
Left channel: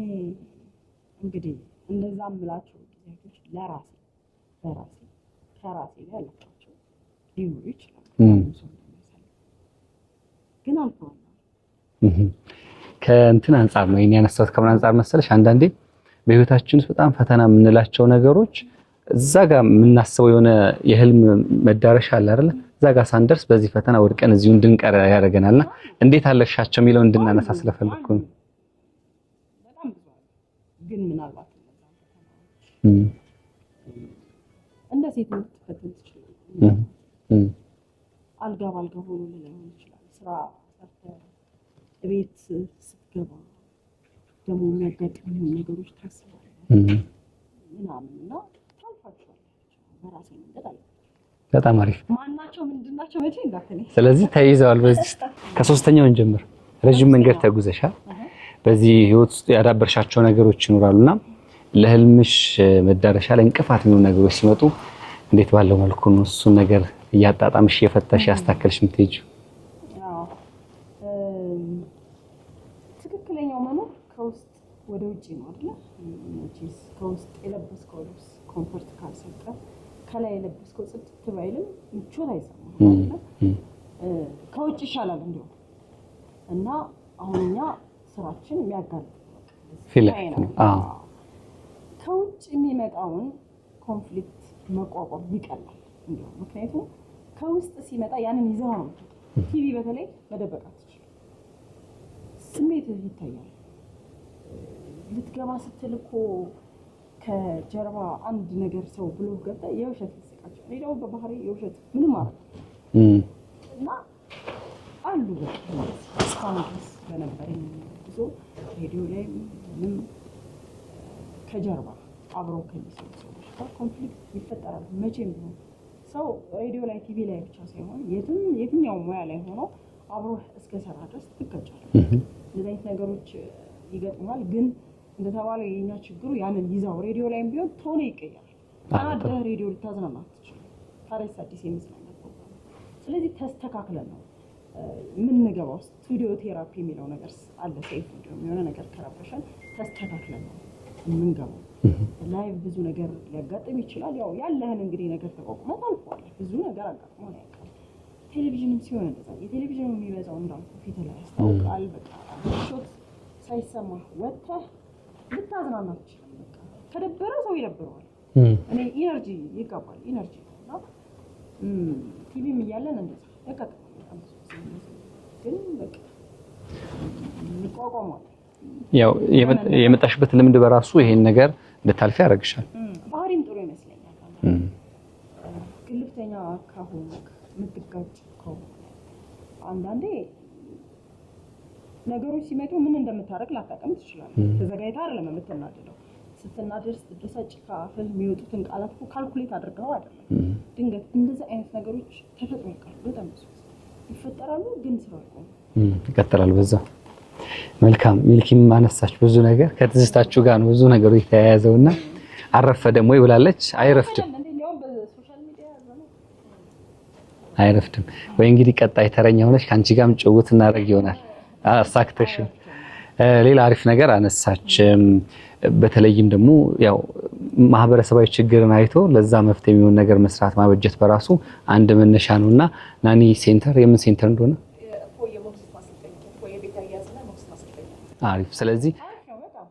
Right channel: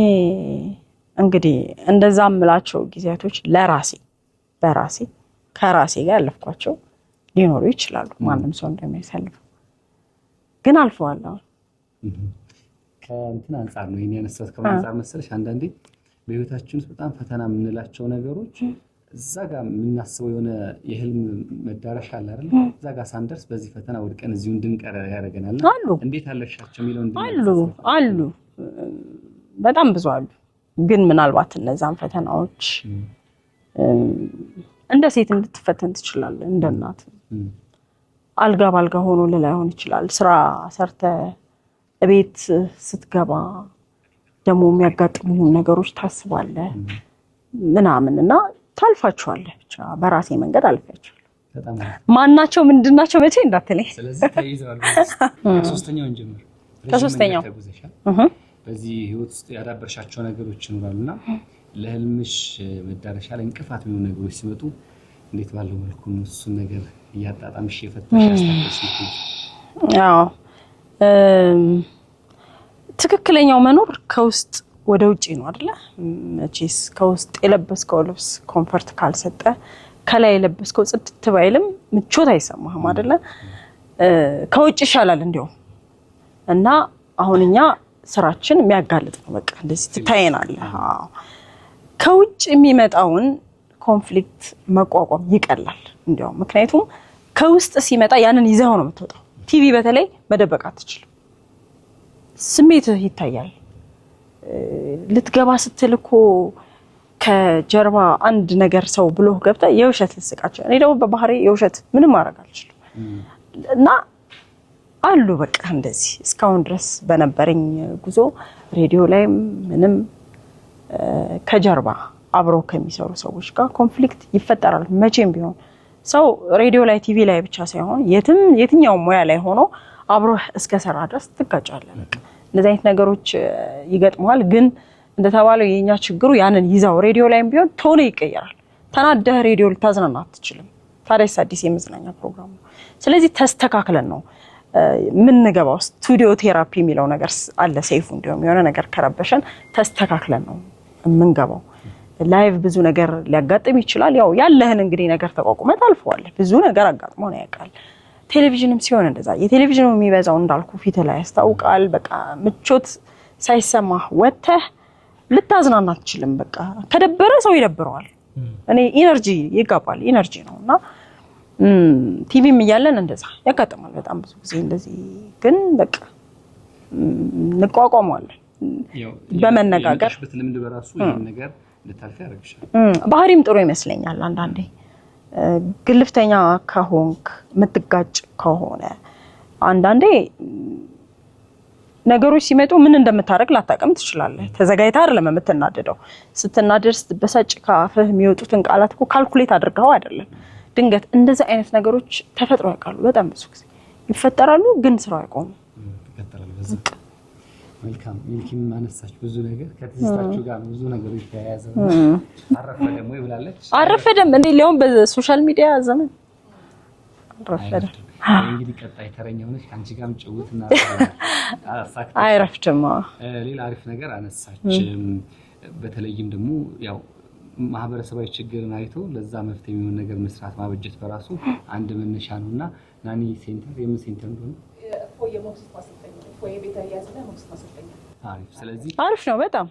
እንግዲህ እንደዛ የምላቸው ጊዜያቶች በራሴ ከራሴ ጋር ያለፍኳቸው ሊኖሩ ይችላሉ። ማንም ሰው እንደሚያሳልፈው ግን አልፈዋለሁ። ከእንትን አንጻር ነው ይሄን ያነሳሁት። ከምን አንጻር መሰለሽ? አንዳንዴ በህይወታችን ውስጥ በጣም ፈተና የምንላቸው ነገሮች እዛ ጋር የምናስበው የሆነ የህልም መዳረሻ አለ አይደል? እዛ ጋር ሳንደርስ በዚህ ፈተና ወድቀን እዚሁ እንድንቀር ያደርገናልና እንዴት አለሻቸው የሚለው እንድናነሳ ስለፈለኩ አሉ። በጣም ብዙ አሉ። ግን ምናልባት እነዛን ፈተናዎች እንደ ሴት እንድትፈተን ትችላለህ። እንደ እናት አልጋ ባልጋ ሆኖ ላይሆን ይችላል። ስራ ሰርተ ቤት ስትገባ ደግሞ የሚያጋጥሙ ነገሮች ታስባለህ ምናምንና ታልፋቸዋለህ። ብቻ በራሴ መንገድ አልፋቸው። በጣም አሪፍ። ማናቸው ምንድናቸው መቼ እንዳትለኝ። ስለዚህ ተይዘዋል። በዚህ ከሶስተኛው እንጀምር። ረጅም መንገድ ተጉዘሻል። በዚህ ህይወት ውስጥ ያዳበርሻቸው ነገሮች ይኖራሉና ለህልምሽ መዳረሻ ላይ እንቅፋት የሚሆኑ ነገሮች ሲመጡ እንዴት ባለው መልኩ ነው እሱን ነገር እያጣጣምሽ የፈታሽ ያስተካከልሽ ምትሄጂ? አዎ ትክክለኛው መኖር ከውስጥ ወደ ውጪ ነው አይደለ? መቼስ ከውስጥ የለበስከው ልብስ ኮምፈርት ካልሰጠ ከላይ የለበስከው ጽድት ባይልም ምቾት አይሰማህም አይደለ? ከውጭ ይሻላል እንዲያውም። እና አሁን እኛ ስራችን የሚያጋልጥ ነው። በቃ እንደዚህ ትታየናለህ። ከውጭ የሚመጣውን ኮንፍሊክት መቋቋም ይቀላል እንዲያውም። ምክንያቱም ከውስጥ ሲመጣ ያንን ይዘው ነው የምትወጣው። ቲቪ በተለይ መደበቅ አትችልም። ስሜትህ ይታያል። ልትገባ ስትል እኮ ከጀርባ አንድ ነገር ሰው ብሎ ገብታ የውሸት ልስቃቸው። እኔ ደግሞ በባህሪ የውሸት ምንም ማድረግ አልችልም እና አሉ በቃ እንደዚህ እስካሁን ድረስ በነበረኝ ጉዞ ሬዲዮ ላይ ምንም ከጀርባ አብረው ከሚሰሩ ሰዎች ጋር ኮንፍሊክት ይፈጠራል። መቼም ቢሆን ሰው ሬዲዮ ላይ ቲቪ ላይ ብቻ ሳይሆን የትኛው ሙያ ላይ ሆኖ አብሮ እስከሰራ ድረስ ትጋጫለህ። እንደዚህ አይነት ነገሮች ይገጥመዋል። ግን እንደተባለው የኛ ችግሩ ያንን ይዛው ሬዲዮ ላይም ቢሆን ቶሎ ይቀየራል። ተናደህ ሬዲዮ ልታዝናና አትችልም። ታዲያስ አዲስ የመዝናኛ ፕሮግራም ነው። ስለዚህ ተስተካክለን ነው ምንገባው። ስቱዲዮ ቴራፒ የሚለው ነገር አለ ሰይፉ። እንዲሁም የሆነ ነገር ከረበሸን ተስተካክለን ነው የምንገባው። ላይቭ ብዙ ነገር ሊያጋጥም ይችላል። ያው ያለህን እንግዲህ ነገር ተቋቁመህ ታልፈዋለህ። ብዙ ነገር አጋጥሞ ነው ያውቃል። ቴሌቪዥንም ሲሆን እንደዛ የቴሌቪዥኑ የሚበዛው እንዳልኩ ፊት ላይ ያስታውቃል። በቃ ምቾት ሳይሰማህ ወጥተህ ልታዝናና አትችልም። በቃ ከደበረ ሰው ይደብረዋል። እኔ ኢነርጂ ይጋባል። ኢነርጂ ነውና ቲቪም እያለን እንደዛ ያጋጥማል በጣም ብዙ ጊዜ እንደዚህ። ግን በቃ እንቋቋመዋለን። ያው የመጣሽበት ልምድ በራሱ ይሄን ነገር እንድታልፊ ያደርግሻል። ባህሪም ጥሩ ይመስለኛል አንዳንዴ ግልፍተኛ ከሆንክ የምትጋጭ ከሆነ አንዳንዴ ነገሮች ሲመጡ ምን እንደምታደርግ ላታውቅም ትችላለህ። ተዘጋጅተህ አይደለም የምትናደደው። ስትናደድ ስትበሳጭ ከአፍህ የሚወጡትን ቃላት እኮ ካልኩሌት አድርገው አይደለም። ድንገት እንደዚህ አይነት ነገሮች ተፈጥሮ ያውቃሉ። በጣም ብዙ ጊዜ ይፈጠራሉ፣ ግን ስራው አይቆምም፣ ይቀጥላል በዛ። መልካም ሚልኪም ማነሳች ብዙ ነገር ከትዝታችሁ ጋር ነው ብዙ ነገሩ የተያያዘውና አረፈደም ወይ ብላለች። አረፈደም እንዴ ሊያውም በሶሻል ሚዲያ ዘመን አይረፍድም ወይ? እንግዲህ ቀጣይ ተረኛ ሆነሽ ካንቺ ጋርም ጭውውት እናደርግ ይሆናል። አሳክተሽ አይረፍድም። ሌላ አሪፍ ነገር አነሳች። በተለይም ደግሞ ያው ማህበረሰባዊ ችግርን አይቶ ለዛ መፍትሄ የሚሆን ነገር መስራት ማበጀት በራሱ አንድ መነሻ ነውና ናኒ ሴንተር የምን ሴንተር እንደሆነ አሪፍ። ስለዚህ አሪፍ ነው በጣም።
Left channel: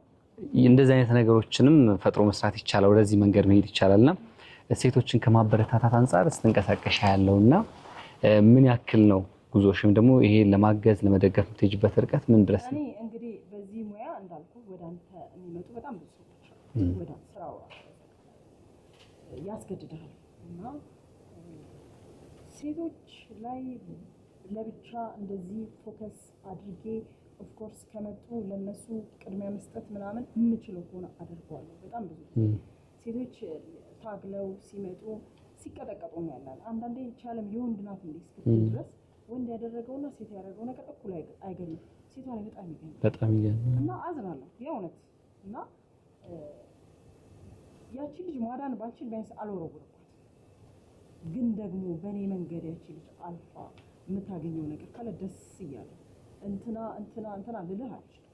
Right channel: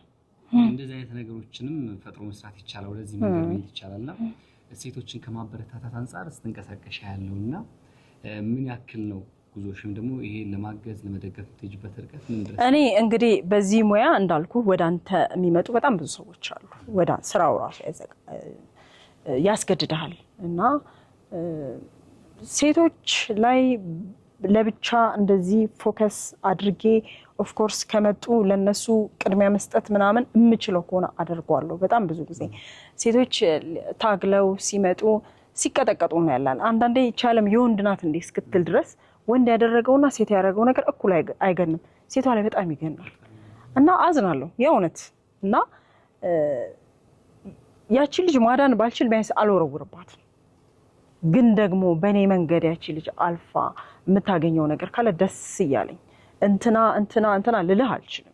እንደዚህ አይነት ነገሮችንም ፈጥሮ መስራት ይቻላል። ወደዚህ መንገድ መሄድ ይቻላልና ሴቶችን ከማበረታታት አንፃር ስትንቀሳቀሽ ያለውና ምን ያክል ነው ጉዞሽም ደግሞ ይሄ ለማገዝ ለመደገፍ የምትሄጂበት ርቀት ምን ድረስ? እኔ እንግዲህ በዚህ ሙያ እንዳልኩ ወደ አንተ የሚመጡ በጣም ብዙ ሰዎች አሉ። ወደ ስራው ራሱ ያስገድዳል እና ሴቶች ላይ ለብቻ እንደዚህ ፎከስ አድርጌ ኦፍ ኮርስ ከመጡ ለነሱ ቅድሚያ መስጠት ምናምን የምችለው ከሆነ አደርገዋለሁ። በጣም ብዙ ጊዜ ሴቶች ታግለው ሲመጡ ሲቀጠቀጡ ነው ያላል። አንዳንዴ ይቻለም የወንድ ናት እንዴ እስክትል ድረስ ወንድ ያደረገውና ሴት ያደረገው ነገር እኩል አይገንም። ሴቷ ላይ በጣም ይገናል እና አዝናለሁ የእውነት። እና ያቺ ልጅ ማዳን ባልችል ቢያንስ አልወረውርባትም። ግን ደግሞ በእኔ መንገድ ያቺ ልጅ አልፋ የምታገኘው ነገር ካለ ደስ እያለኝ እንትና ልልህ አልችልም።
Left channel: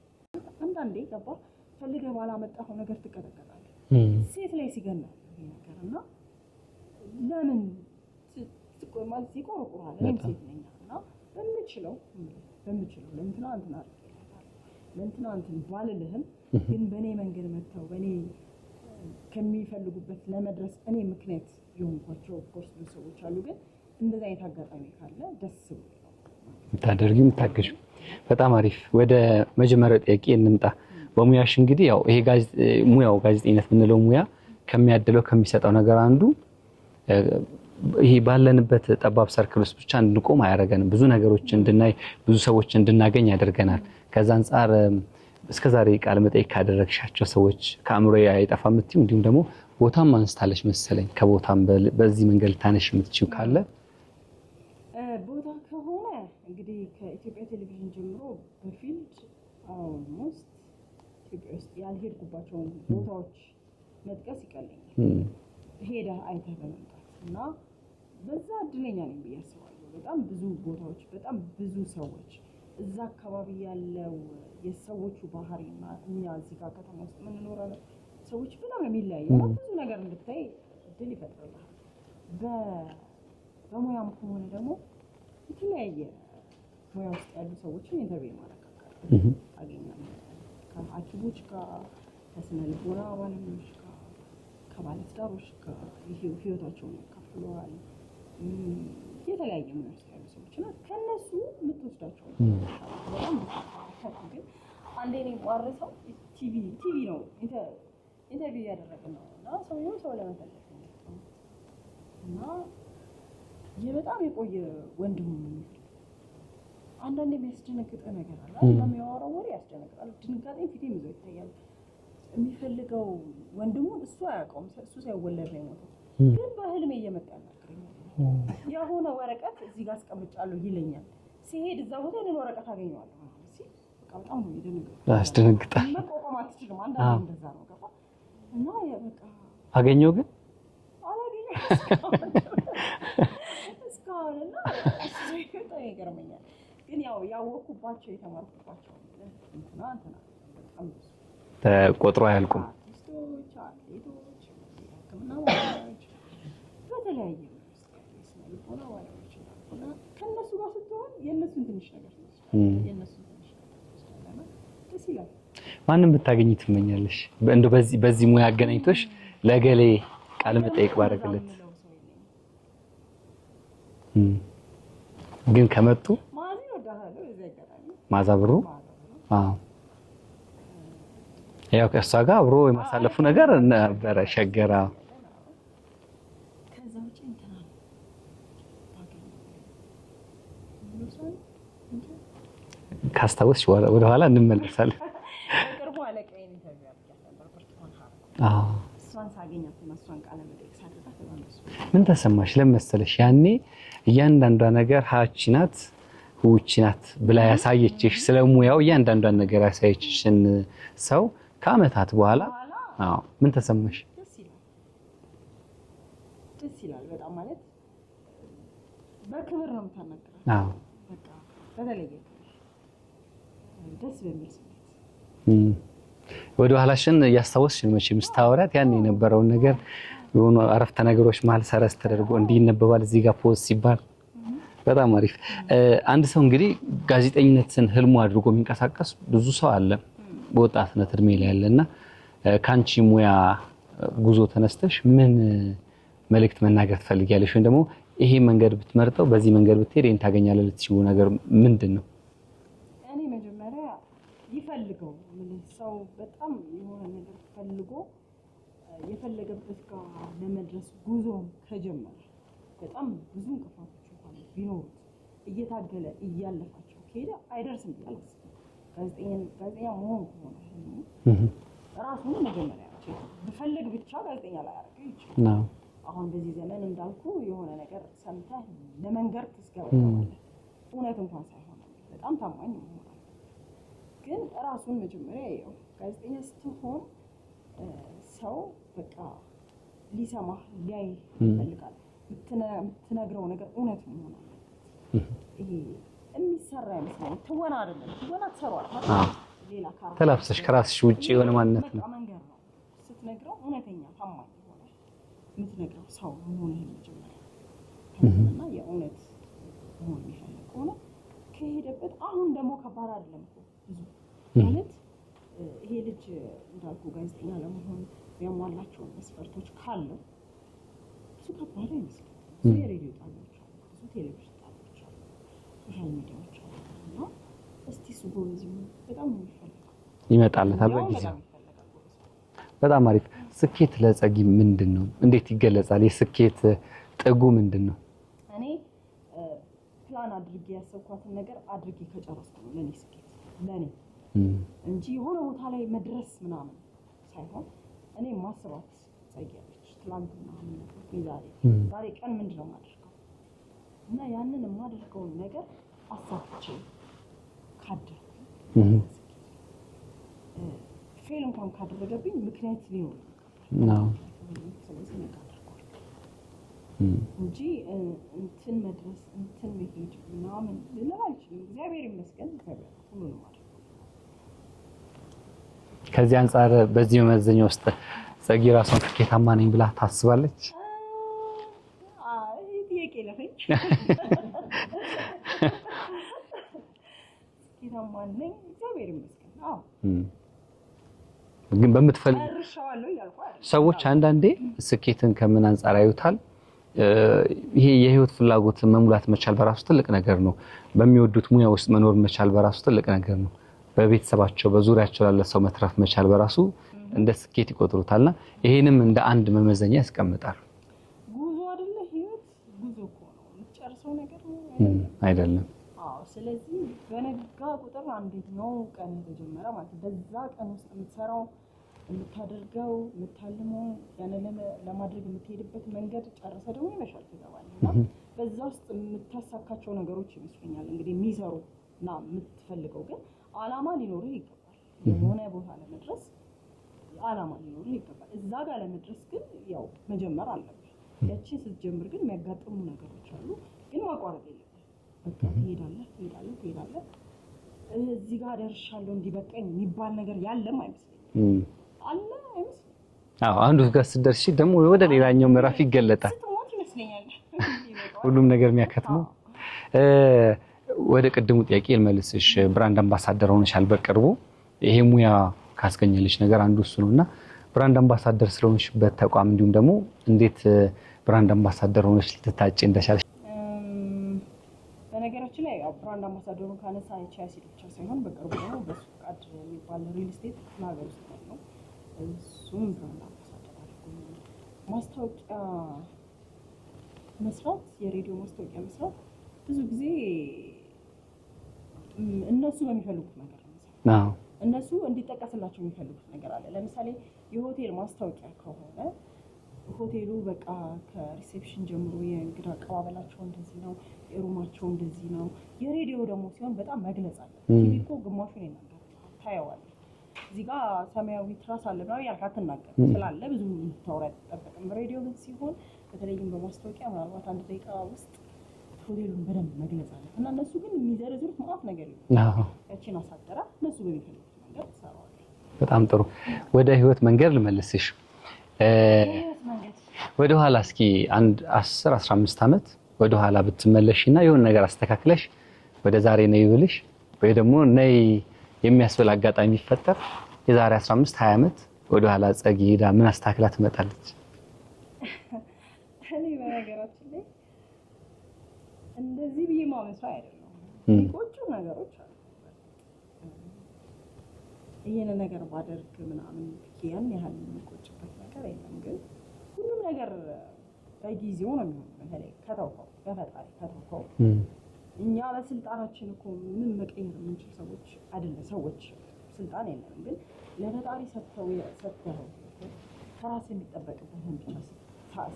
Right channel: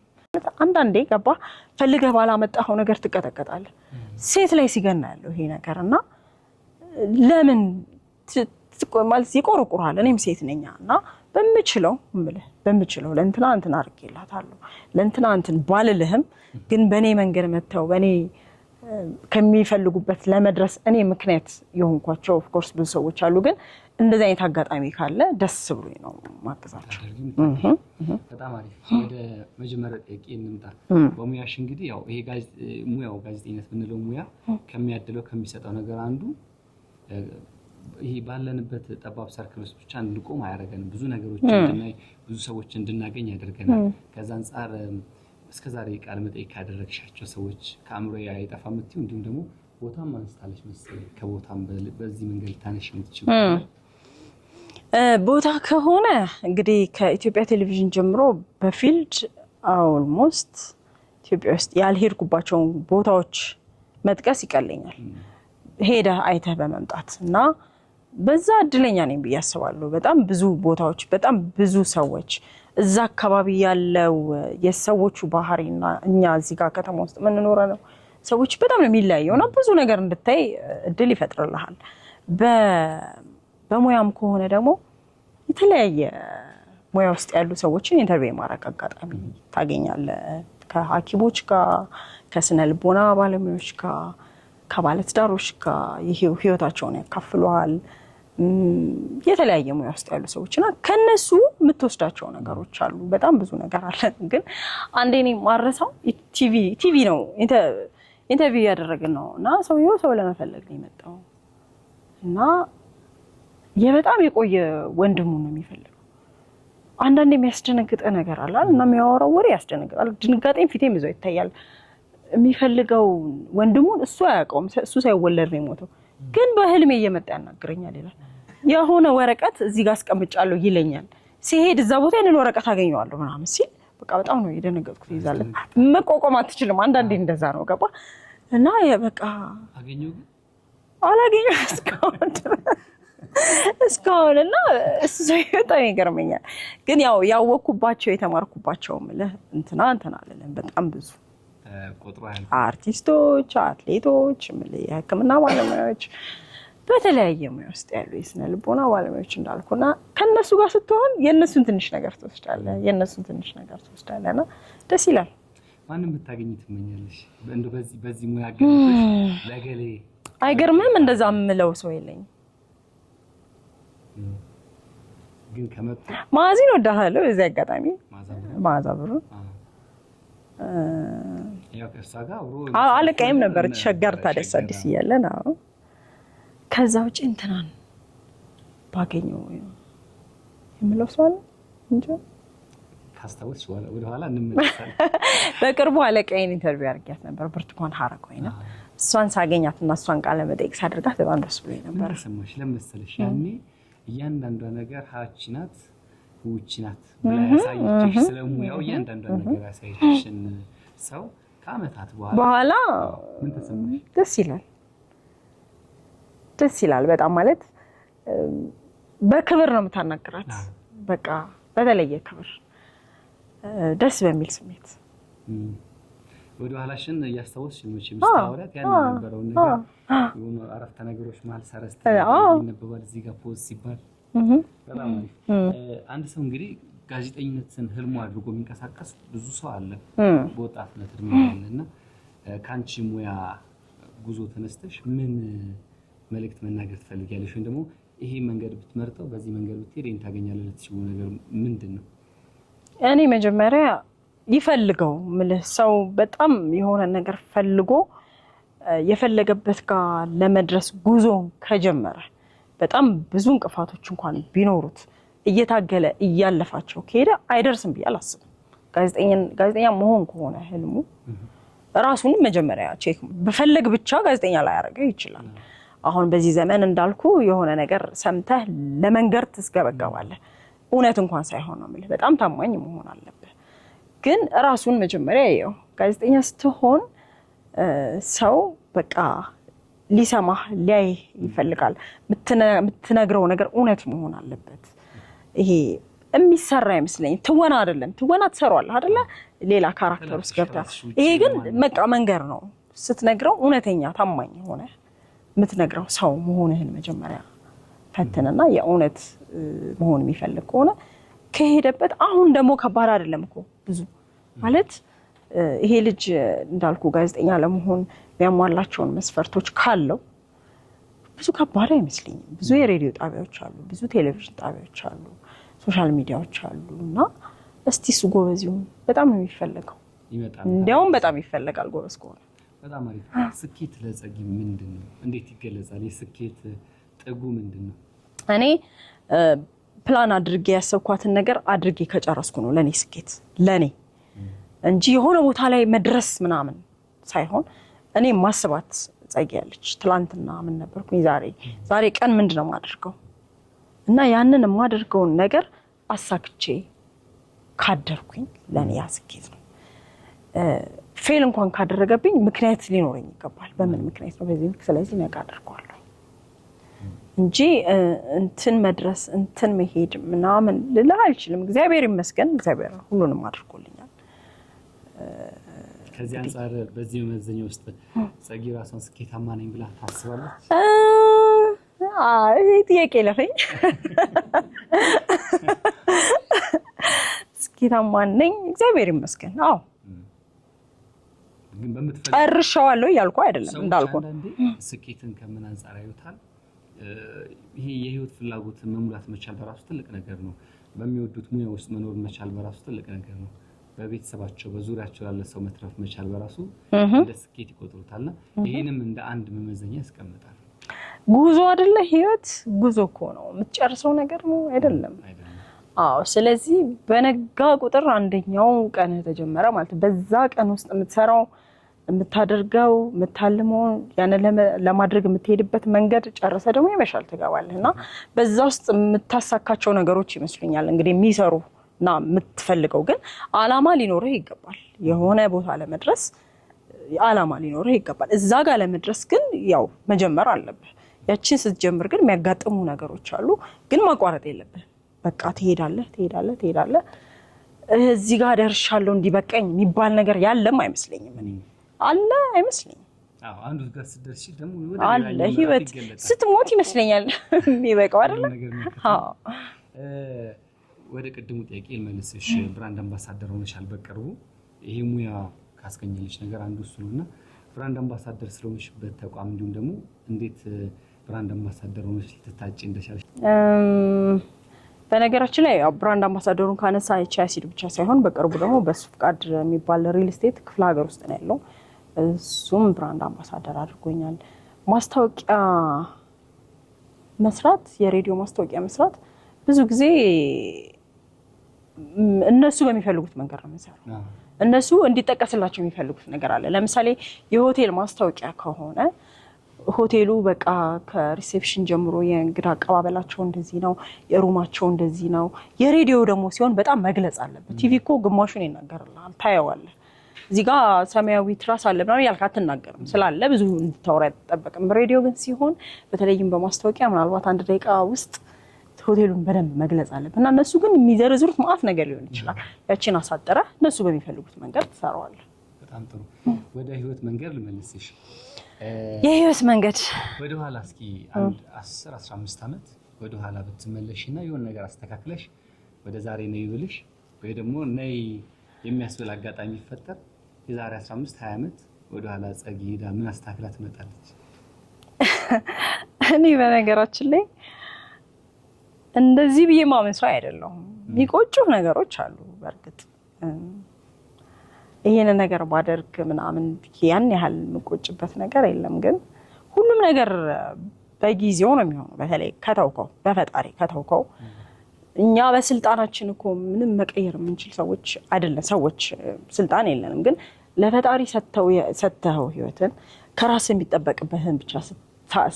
አንዳንዴ ገባ ፈልገህ ባላመጣኸው ነገር ትቀጠቀጣለህ። ሴት ላይ ሲገና ያለው ይሄ ነገር እና ለምን ማለት ይቆርቁራል። እኔም ሴት ነኝ እና በምችለው ለእንትና እንትን አድርጌላታለሁ ለእንትና እንትን ባልልህም ግን በእኔ መንገድ መጥተው በእኔ ከሚፈልጉበት ለመድረስ እኔ ምክንያት የሆንኳቸው ኦፍ ኮርስ ብዙ ሰዎች አሉ። ግን እንደዚህ አይነት አጋጣሚ ካለ ደስ ብሎኝ ነው ማከሳቸው ታደርጊም ታገሽ። በጣም አሪፍ። ወደ መጀመሪያው ጥያቄ እንምጣ። በሙያሽ እንግዲህ ያው ይሄ ሙያው ጋዜጠኝነት የምንለው ሙያ ከሚያደለው ከሚሰጠው ነገር አንዱ ይሄ ባለንበት ጠባብ ሰርክል ውስጥ ብቻ እንድንቆም አያደርገንም። ብዙ ነገሮችን እንድናይ ብዙ ሰዎች እንድናገኝ ያደርገናል። ከዛ አንፃር እስከዛሬ ቃለ መጠይቅ ካደረግሻቸው ሰዎች ከአእምሮ አይጠፋም የምትይው እንዲሁም ደግሞ ቦታም አንስታለች መሰለኝ። ከቦታም በዚህ መንገድ ልታነሽ የምትችል ካለ ቦታ ከሆነ እንግዲህ ከኢትዮጵያ ቴሌቪዥን ጀምሮ በፊልድ ኦልሞስት ኢትዮጵያ ውስጥ ያልሄድኩባቸው ቦታዎች መጥቀስ ይቀለኛል። ሄደህ አይተህ በመምጣት እና በዛ እድለኛ ነኝ ብዬ አስባለሁ። በጣም ብዙ ቦታዎች፣ በጣም ብዙ ሰዎች እዛ አካባቢ ያለው የሰዎቹ ባህሪና እኛ እዚህ ጋር ከተማ ውስጥ የምንኖረ ነው ሰዎች በጣም ነው የሚለያየው እና ብዙ ነገር እንድታይ እድል ይፈጥርልሃል። በሙያም ከሆነ ደግሞ የተለያየ ሙያ ውስጥ ያሉ ሰዎችን ኢንተርቪው ማድረግ አጋጣሚ ታገኛለህ። ከሐኪሞች ጋር፣ ከስነ ልቦና ባለሙያዎች ጋር፣ ከባለትዳሮች ጋር ህይወታቸውን ያካፍሉሃል። የተለያየ ሙያ ውስጥ ያሉ ሰዎችና ከነሱ የምትወስዳቸው ነገሮች አሉ። በጣም ብዙ ነገር አለ። ግን አንዴ እኔ ማረሳው ቲቪ ነው ኢንተርቪው ያደረግን ነው እና ሰውየው ሰው ለመፈለግ ነው የመጣው እና በጣም የቆየ ወንድሙ ነው የሚፈልገው። አንዳንዴ የሚያስደነግጥ ነገር አለ እና የሚያወራው ወሬ ያስደነግጣል። ድንጋጤም ፊቴም ይዞ ይታያል። የሚፈልገው ወንድሙን እሱ አያውቀውም። እሱ ሳይወለድ ነው የሞተው። ግን በህልሜ እየመጣ ያናግረኛል ይላል። የሆነ ወረቀት እዚህ ጋር አስቀምጫለሁ ይለኛል። ሲሄድ እዛ ቦታ ያንን ወረቀት አገኘዋለሁ ምናምን ሲል በቃ በጣም ነው የደነገጥኩት። መቋቋም አትችልም። አንዳንዴ እንደዛ ነው ገባ እና በቃ አገኘው ግን አላገኘው እስካሁን እና እሱ በጣም ይገርመኛል። ግን ያወቅኩባቸው የተማርኩባቸው ምልህ እንትና አለን በጣም ብዙ ቆጥሮ ያልኩ አርቲስቶች፣ አትሌቶች፣ የሕክምና ባለሙያዎች፣ በተለያየ ሙያ ውስጥ ያሉ የስነ ልቦና ባለሙያዎች እንዳልኩና ከነሱ ጋር ስትሆን የነሱን ትንሽ ነገር ትወስዳለህና ደስ ይላል። ማንም ብታገኝ ትመኛለሽ? እንደው በዚህ ሙያ አገናኝቶሽ ለገሌ አይገርምም? እንደዛ የምለው ሰው የለኝም። ግን ከመጡ ማዚን ወዳሃለው እዚህ አጋጣሚ ማዛ ብሩ አዎ ያው ከእሷ ጋር አብሮ አለቀ ነበር ተሸገር ታደሰስ ያለን። አዎ ከዛ ውጪ እንትናን ባገኘው የምለው ሰው አለ እንጂ ካስታወስሽ ወደ ኋላ እንመለሳለን። በቅርቡ አለቀዬን ኢንተርቪው አድርጊያት ነበር ብርቱካን ሐረገወይን። እሷን ሳገኛትና እሷን ቃለ መጠይቅ ሳደርጋት በጣም ደስ ብሎኝ። ምን ተሰማሽ? ለመሰለሽ ያኔ እያንዳንዷ ነገር ሀቺ ናት ውጪ ናት ብላ ያሳየችሽ ስለሙያው እያንዳንዷን ነገር ያሳየችሽን ሰው ከአመታት በኋላ ምን ተሰማሽ? ደስ ይላል በጣም ማለት በክብር ነው የምታናግራት። በቃ በተለየ ክብር ደስ በሚል ስሜት ወደ ኋላሽን እያስታወስሽ መቼም ስታወራት ያን የነበረውን ነገር የሆኑ አረፍተ ነገሮች መሀል ሰረዝ ተደርጎ ይነበባል እዚህ ጋር ፖዝ ሲባል በጣም አሪፍ። አንድ ሰው እንግዲህ ጋዜጠኝነትን ህልሙ አድርጎ የሚንቀሳቀስ ብዙ ሰው አለ በወጣትነት እድሜ ላይ ያለና ካንቺ ሙያ ጉዞ ተነስተሽ ምን መልእክት መናገር ትፈልጊያለሽ? ወይ ደግሞ ይሄ መንገድ ብትመርጠው በዚህ መንገድ ብትሄድ ይሄን ታገኛለህ ልትይው ነገር ምንድነው? እኔ መጀመሪያ ይፈልገው ምልህ ሰው በጣም የሆነ ነገር ፈልጎ የፈለገበት ጋር ለመድረስ ጉዞ ከጀመረ በጣም ብዙ እንቅፋቶች እንኳን ቢኖሩት እየታገለ እያለፋቸው ከሄደ አይደርስም ብዬ አላስብም። ጋዜጠኛ መሆን ከሆነ ህልሙ ራሱን መጀመሪያ ቼክ በፈለግ ብቻ ጋዜጠኛ ላይ ያደርገው ይችላል። አሁን በዚህ ዘመን እንዳልኩ የሆነ ነገር ሰምተህ ለመንገር ትስገበገባለህ። እውነት እንኳን ሳይሆን ነው ማለት በጣም ታማኝ መሆን አለበት። ግን ራሱን መጀመሪያ ያየው ጋዜጠኛ ስትሆን ሰው በቃ ሊሰማህ ሊያይ ይፈልጋል። የምትነግረው ነገር እውነት መሆን አለበት። ይሄ የሚሰራ አይመስለኝም። ትወና አይደለም። ትወና ትሰራዋለህ አይደለ? ሌላ ካራክተር ይሄ ግን በቃ መንገር ነው። ስትነግረው እውነተኛ ታማኝ ሆነ የምትነግረው ሰው መሆንህን መጀመሪያ ፈትንና የእውነት መሆን የሚፈልግ ከሆነ ከሄደበት አሁን ደግሞ ከባድ አይደለም እኮ ብዙ ማለት ይሄ ልጅ እንዳልኩ ጋዜጠኛ ለመሆን የሚያሟላቸውን መስፈርቶች ካለው ብዙ ከባድ አይመስልኝም። ብዙ የሬዲዮ ጣቢያዎች አሉ፣ ብዙ ቴሌቪዥን ጣቢያዎች አሉ፣ ሶሻል ሚዲያዎች አሉ እና እስቲ እሱ ጎበዝ ይሁን። በጣም ነው የሚፈልገው ይመጣል። እንዲያውም በጣም ይፈልጋል ጎበዝ ከሆነ። በጣም አሪፍ። ስኬት ለጸጊ ምንድነው? እንዴት ይገለጻል? የስኬት ጥጉ ምንድነው? እኔ ፕላን አድርጌ ያሰብኳትን ነገር አድርጌ ከጨረስኩ ነው ለኔ ስኬት ለኔ እንጂ የሆነ ቦታ ላይ መድረስ ምናምን ሳይሆን እኔ ማስባት ጸጊ ያለች ትላንትና ምን ነበርኩኝ ዛሬ ቀን ምንድነው ማደርገው እና ያንን የማደርገውን ነገር አሳክቼ ካደርኩኝ ለኔ ያስኬት ነው። ፌል እንኳን ካደረገብኝ ምክንያት ሊኖረኝ ይገባል። በምን ምክንያት ነው በዚህ ስለዚህ ነገ አደርገዋለሁ እንጂ እንትን መድረስ እንትን መሄድ ምናምን ልላ አልችልም። እግዚአብሔር ይመስገን እግዚአብሔር ሁሉንም አድርጎልኛል። ከዚህ አንፃር በዚህ መመዘኛ ውስጥ ጸጊ ራሷን ስኬታማ ነኝ ብላ ታስባለች? አይ ጥያቄ ለፈኝ ስኬታማ ነኝ እግዚአብሔር ይመስገን። አዎ ግን በምትፈልግ አርሻዋለሁ ያልኩ አይደለም። ሰዎች አንዳንዴ ስኬትን ከምን አንፃር ያዩታል? ይሄ የህይወት ፍላጎት መሙላት መቻል በራሱ ትልቅ ነገር ነው። በሚወዱት ሙያ ውስጥ መኖር መቻል በራሱ ትልቅ ነገር ነው። በቤተሰባቸው በዙሪያቸው ያለ ሰው መትረፍ መቻል በራሱ እንደ ስኬት ይቆጥሩታልና ይሄንም እንደ አንድ መመዘኛ ያስቀምጣል። ጉዞ አይደለ ህይወት ጉዞ እኮ ነው የምትጨርሰው ነገር ነው አይደለም። አዎ ስለዚህ በነጋ ቁጥር አንደኛው ቀን ተጀመረ ማለት በዛ ቀን ውስጥ የምትሰራው የምታደርገው የምታልመው ያን ለማድረግ የምትሄድበት መንገድ ጨርሰ ደግሞ ይመሻል ትገባለህና በዛ ውስጥ የምታሳካቸው ነገሮች ይመስሉኛል እንግዲህ የሚሰሩና የምትፈልገው ግን አላማ ሊኖርህ ይገባል። የሆነ ቦታ ለመድረስ አላማ ሊኖርህ ይገባል። እዛ ጋር ለመድረስ ግን ያው መጀመር አለብህ። ያቺን ስትጀምር ግን የሚያጋጥሙ ነገሮች አሉ፣ ግን ማቋረጥ የለብህ። በቃ ትሄዳለህ እዚህ ጋር ደርሻለሁ እንዲበቀኝ የሚባል ነገር ያለም አይመስለኝም። አለ አይመስለኝም። አዎ አንዱ ጋር ስትደርሺ ደግሞ ወደ ሌላኛው ምዕራፍ ይገለጣል። ስትሞት ይመስለኛል የሚበቃው አይደል? ሁሉም ነገር የሚያከትመው። ወደ ቅድሙ ጥያቄ ልመልስሽ። ብራንድ አምባሳደር ሆነሻል በቅርቡ። ይሄ ሙያ ካስገኘልሽ ነገር አንዱ እሱ ነውና ብራንድ አምባሳደር ስለሆንሽበት ተቋም እንዲሁም ደግሞ እንዴት ብራንድ አምባሳደር ሆነሽ ልትታጭ እንደቻልሽ? በነገራችን ላይ ብራንድ አምባሳደሩን ካነሳ ኤችአይሲዲ ብቻ ሳይሆን በቅርቡ ደግሞ በሱ ፍቃድ የሚባል ሪል ስቴት ክፍለ ሀገር ውስጥ ነው ያለው። እሱም ብራንድ አምባሳደር አድርጎኛል። ማስታወቂያ መስራት፣ የሬዲዮ ማስታወቂያ መስራት ብዙ ጊዜ እነሱ በሚፈልጉት መንገድ ነው የሚሰራው። እነሱ እንዲጠቀስላቸው የሚፈልጉት ነገር አለ። ለምሳሌ የሆቴል ማስታወቂያ ከሆነ ሆቴሉ በቃ ከሪሴፕሽን ጀምሮ የእንግዳ አቀባበላቸው እንደዚህ ነው፣ የሩማቸው እንደዚህ ነው። የሬዲዮ ደግሞ ሲሆን በጣም መግለጽ አለበት። ቲቪ እኮ ግማሹን ይናገርልሃል፣ ታየዋለህ። እዚህ ጋር ሰማያዊ ትራስ አለ ምናምን ያልክ አትናገርም፣ ስላለ ብዙ እንድታወራ አይጠበቅም። ሬዲዮ ግን ሲሆን በተለይም በማስታወቂያ ምናልባት 1 ደቂቃ ውስጥ ሆቴሉን በደንብ መግለጽ አለበት እና እነሱ ግን የሚዘረዝሩት ማአት ነገር ሊሆን ይችላል። ያቺን አሳጠረ እነሱ በሚፈልጉት መንገድ ትሰራዋለህ። በጣም ጥሩ። ወደ ህይወት መንገድ ልመልስሽ። የህይወት መንገድ ወደ ኋላ እስኪ 10-15 ዓመት ወደ ኋላ ብትመለሽና የሆነ ነገር አስተካክለሽ ወደ ዛሬ ነይ ብልሽ ወይ ደግሞ ነይ የሚያስብል አጋጣሚ ይፈጠር የዛሬ 15-20 ዓመት ወደ ኋላ ጸጊ ሄዳ ምን አስተካክላ ትመጣለች? እኔ በነገራችን ላይ እንደዚህ ብዬ ማመን ሰው አይደለሁም። የሚቆጩ ነገሮች አሉ። በእርግጥ ይሄን ነገር ባደርግ ምናምን ያን ያህል የምቆጭበት ነገር የለም። ግን ሁሉም ነገር በጊዜው ነው የሚሆነው። በተለይ ከተውከው በፈጣሪ ከተውከው እኛ በስልጣናችን እኮ ምንም መቀየር የምንችል ሰዎች አይደለም። ሰዎች ስልጣን የለንም። ግን ለፈጣሪ ሰተው ህይወትን ከራስ የሚጠበቅበትን ብቻ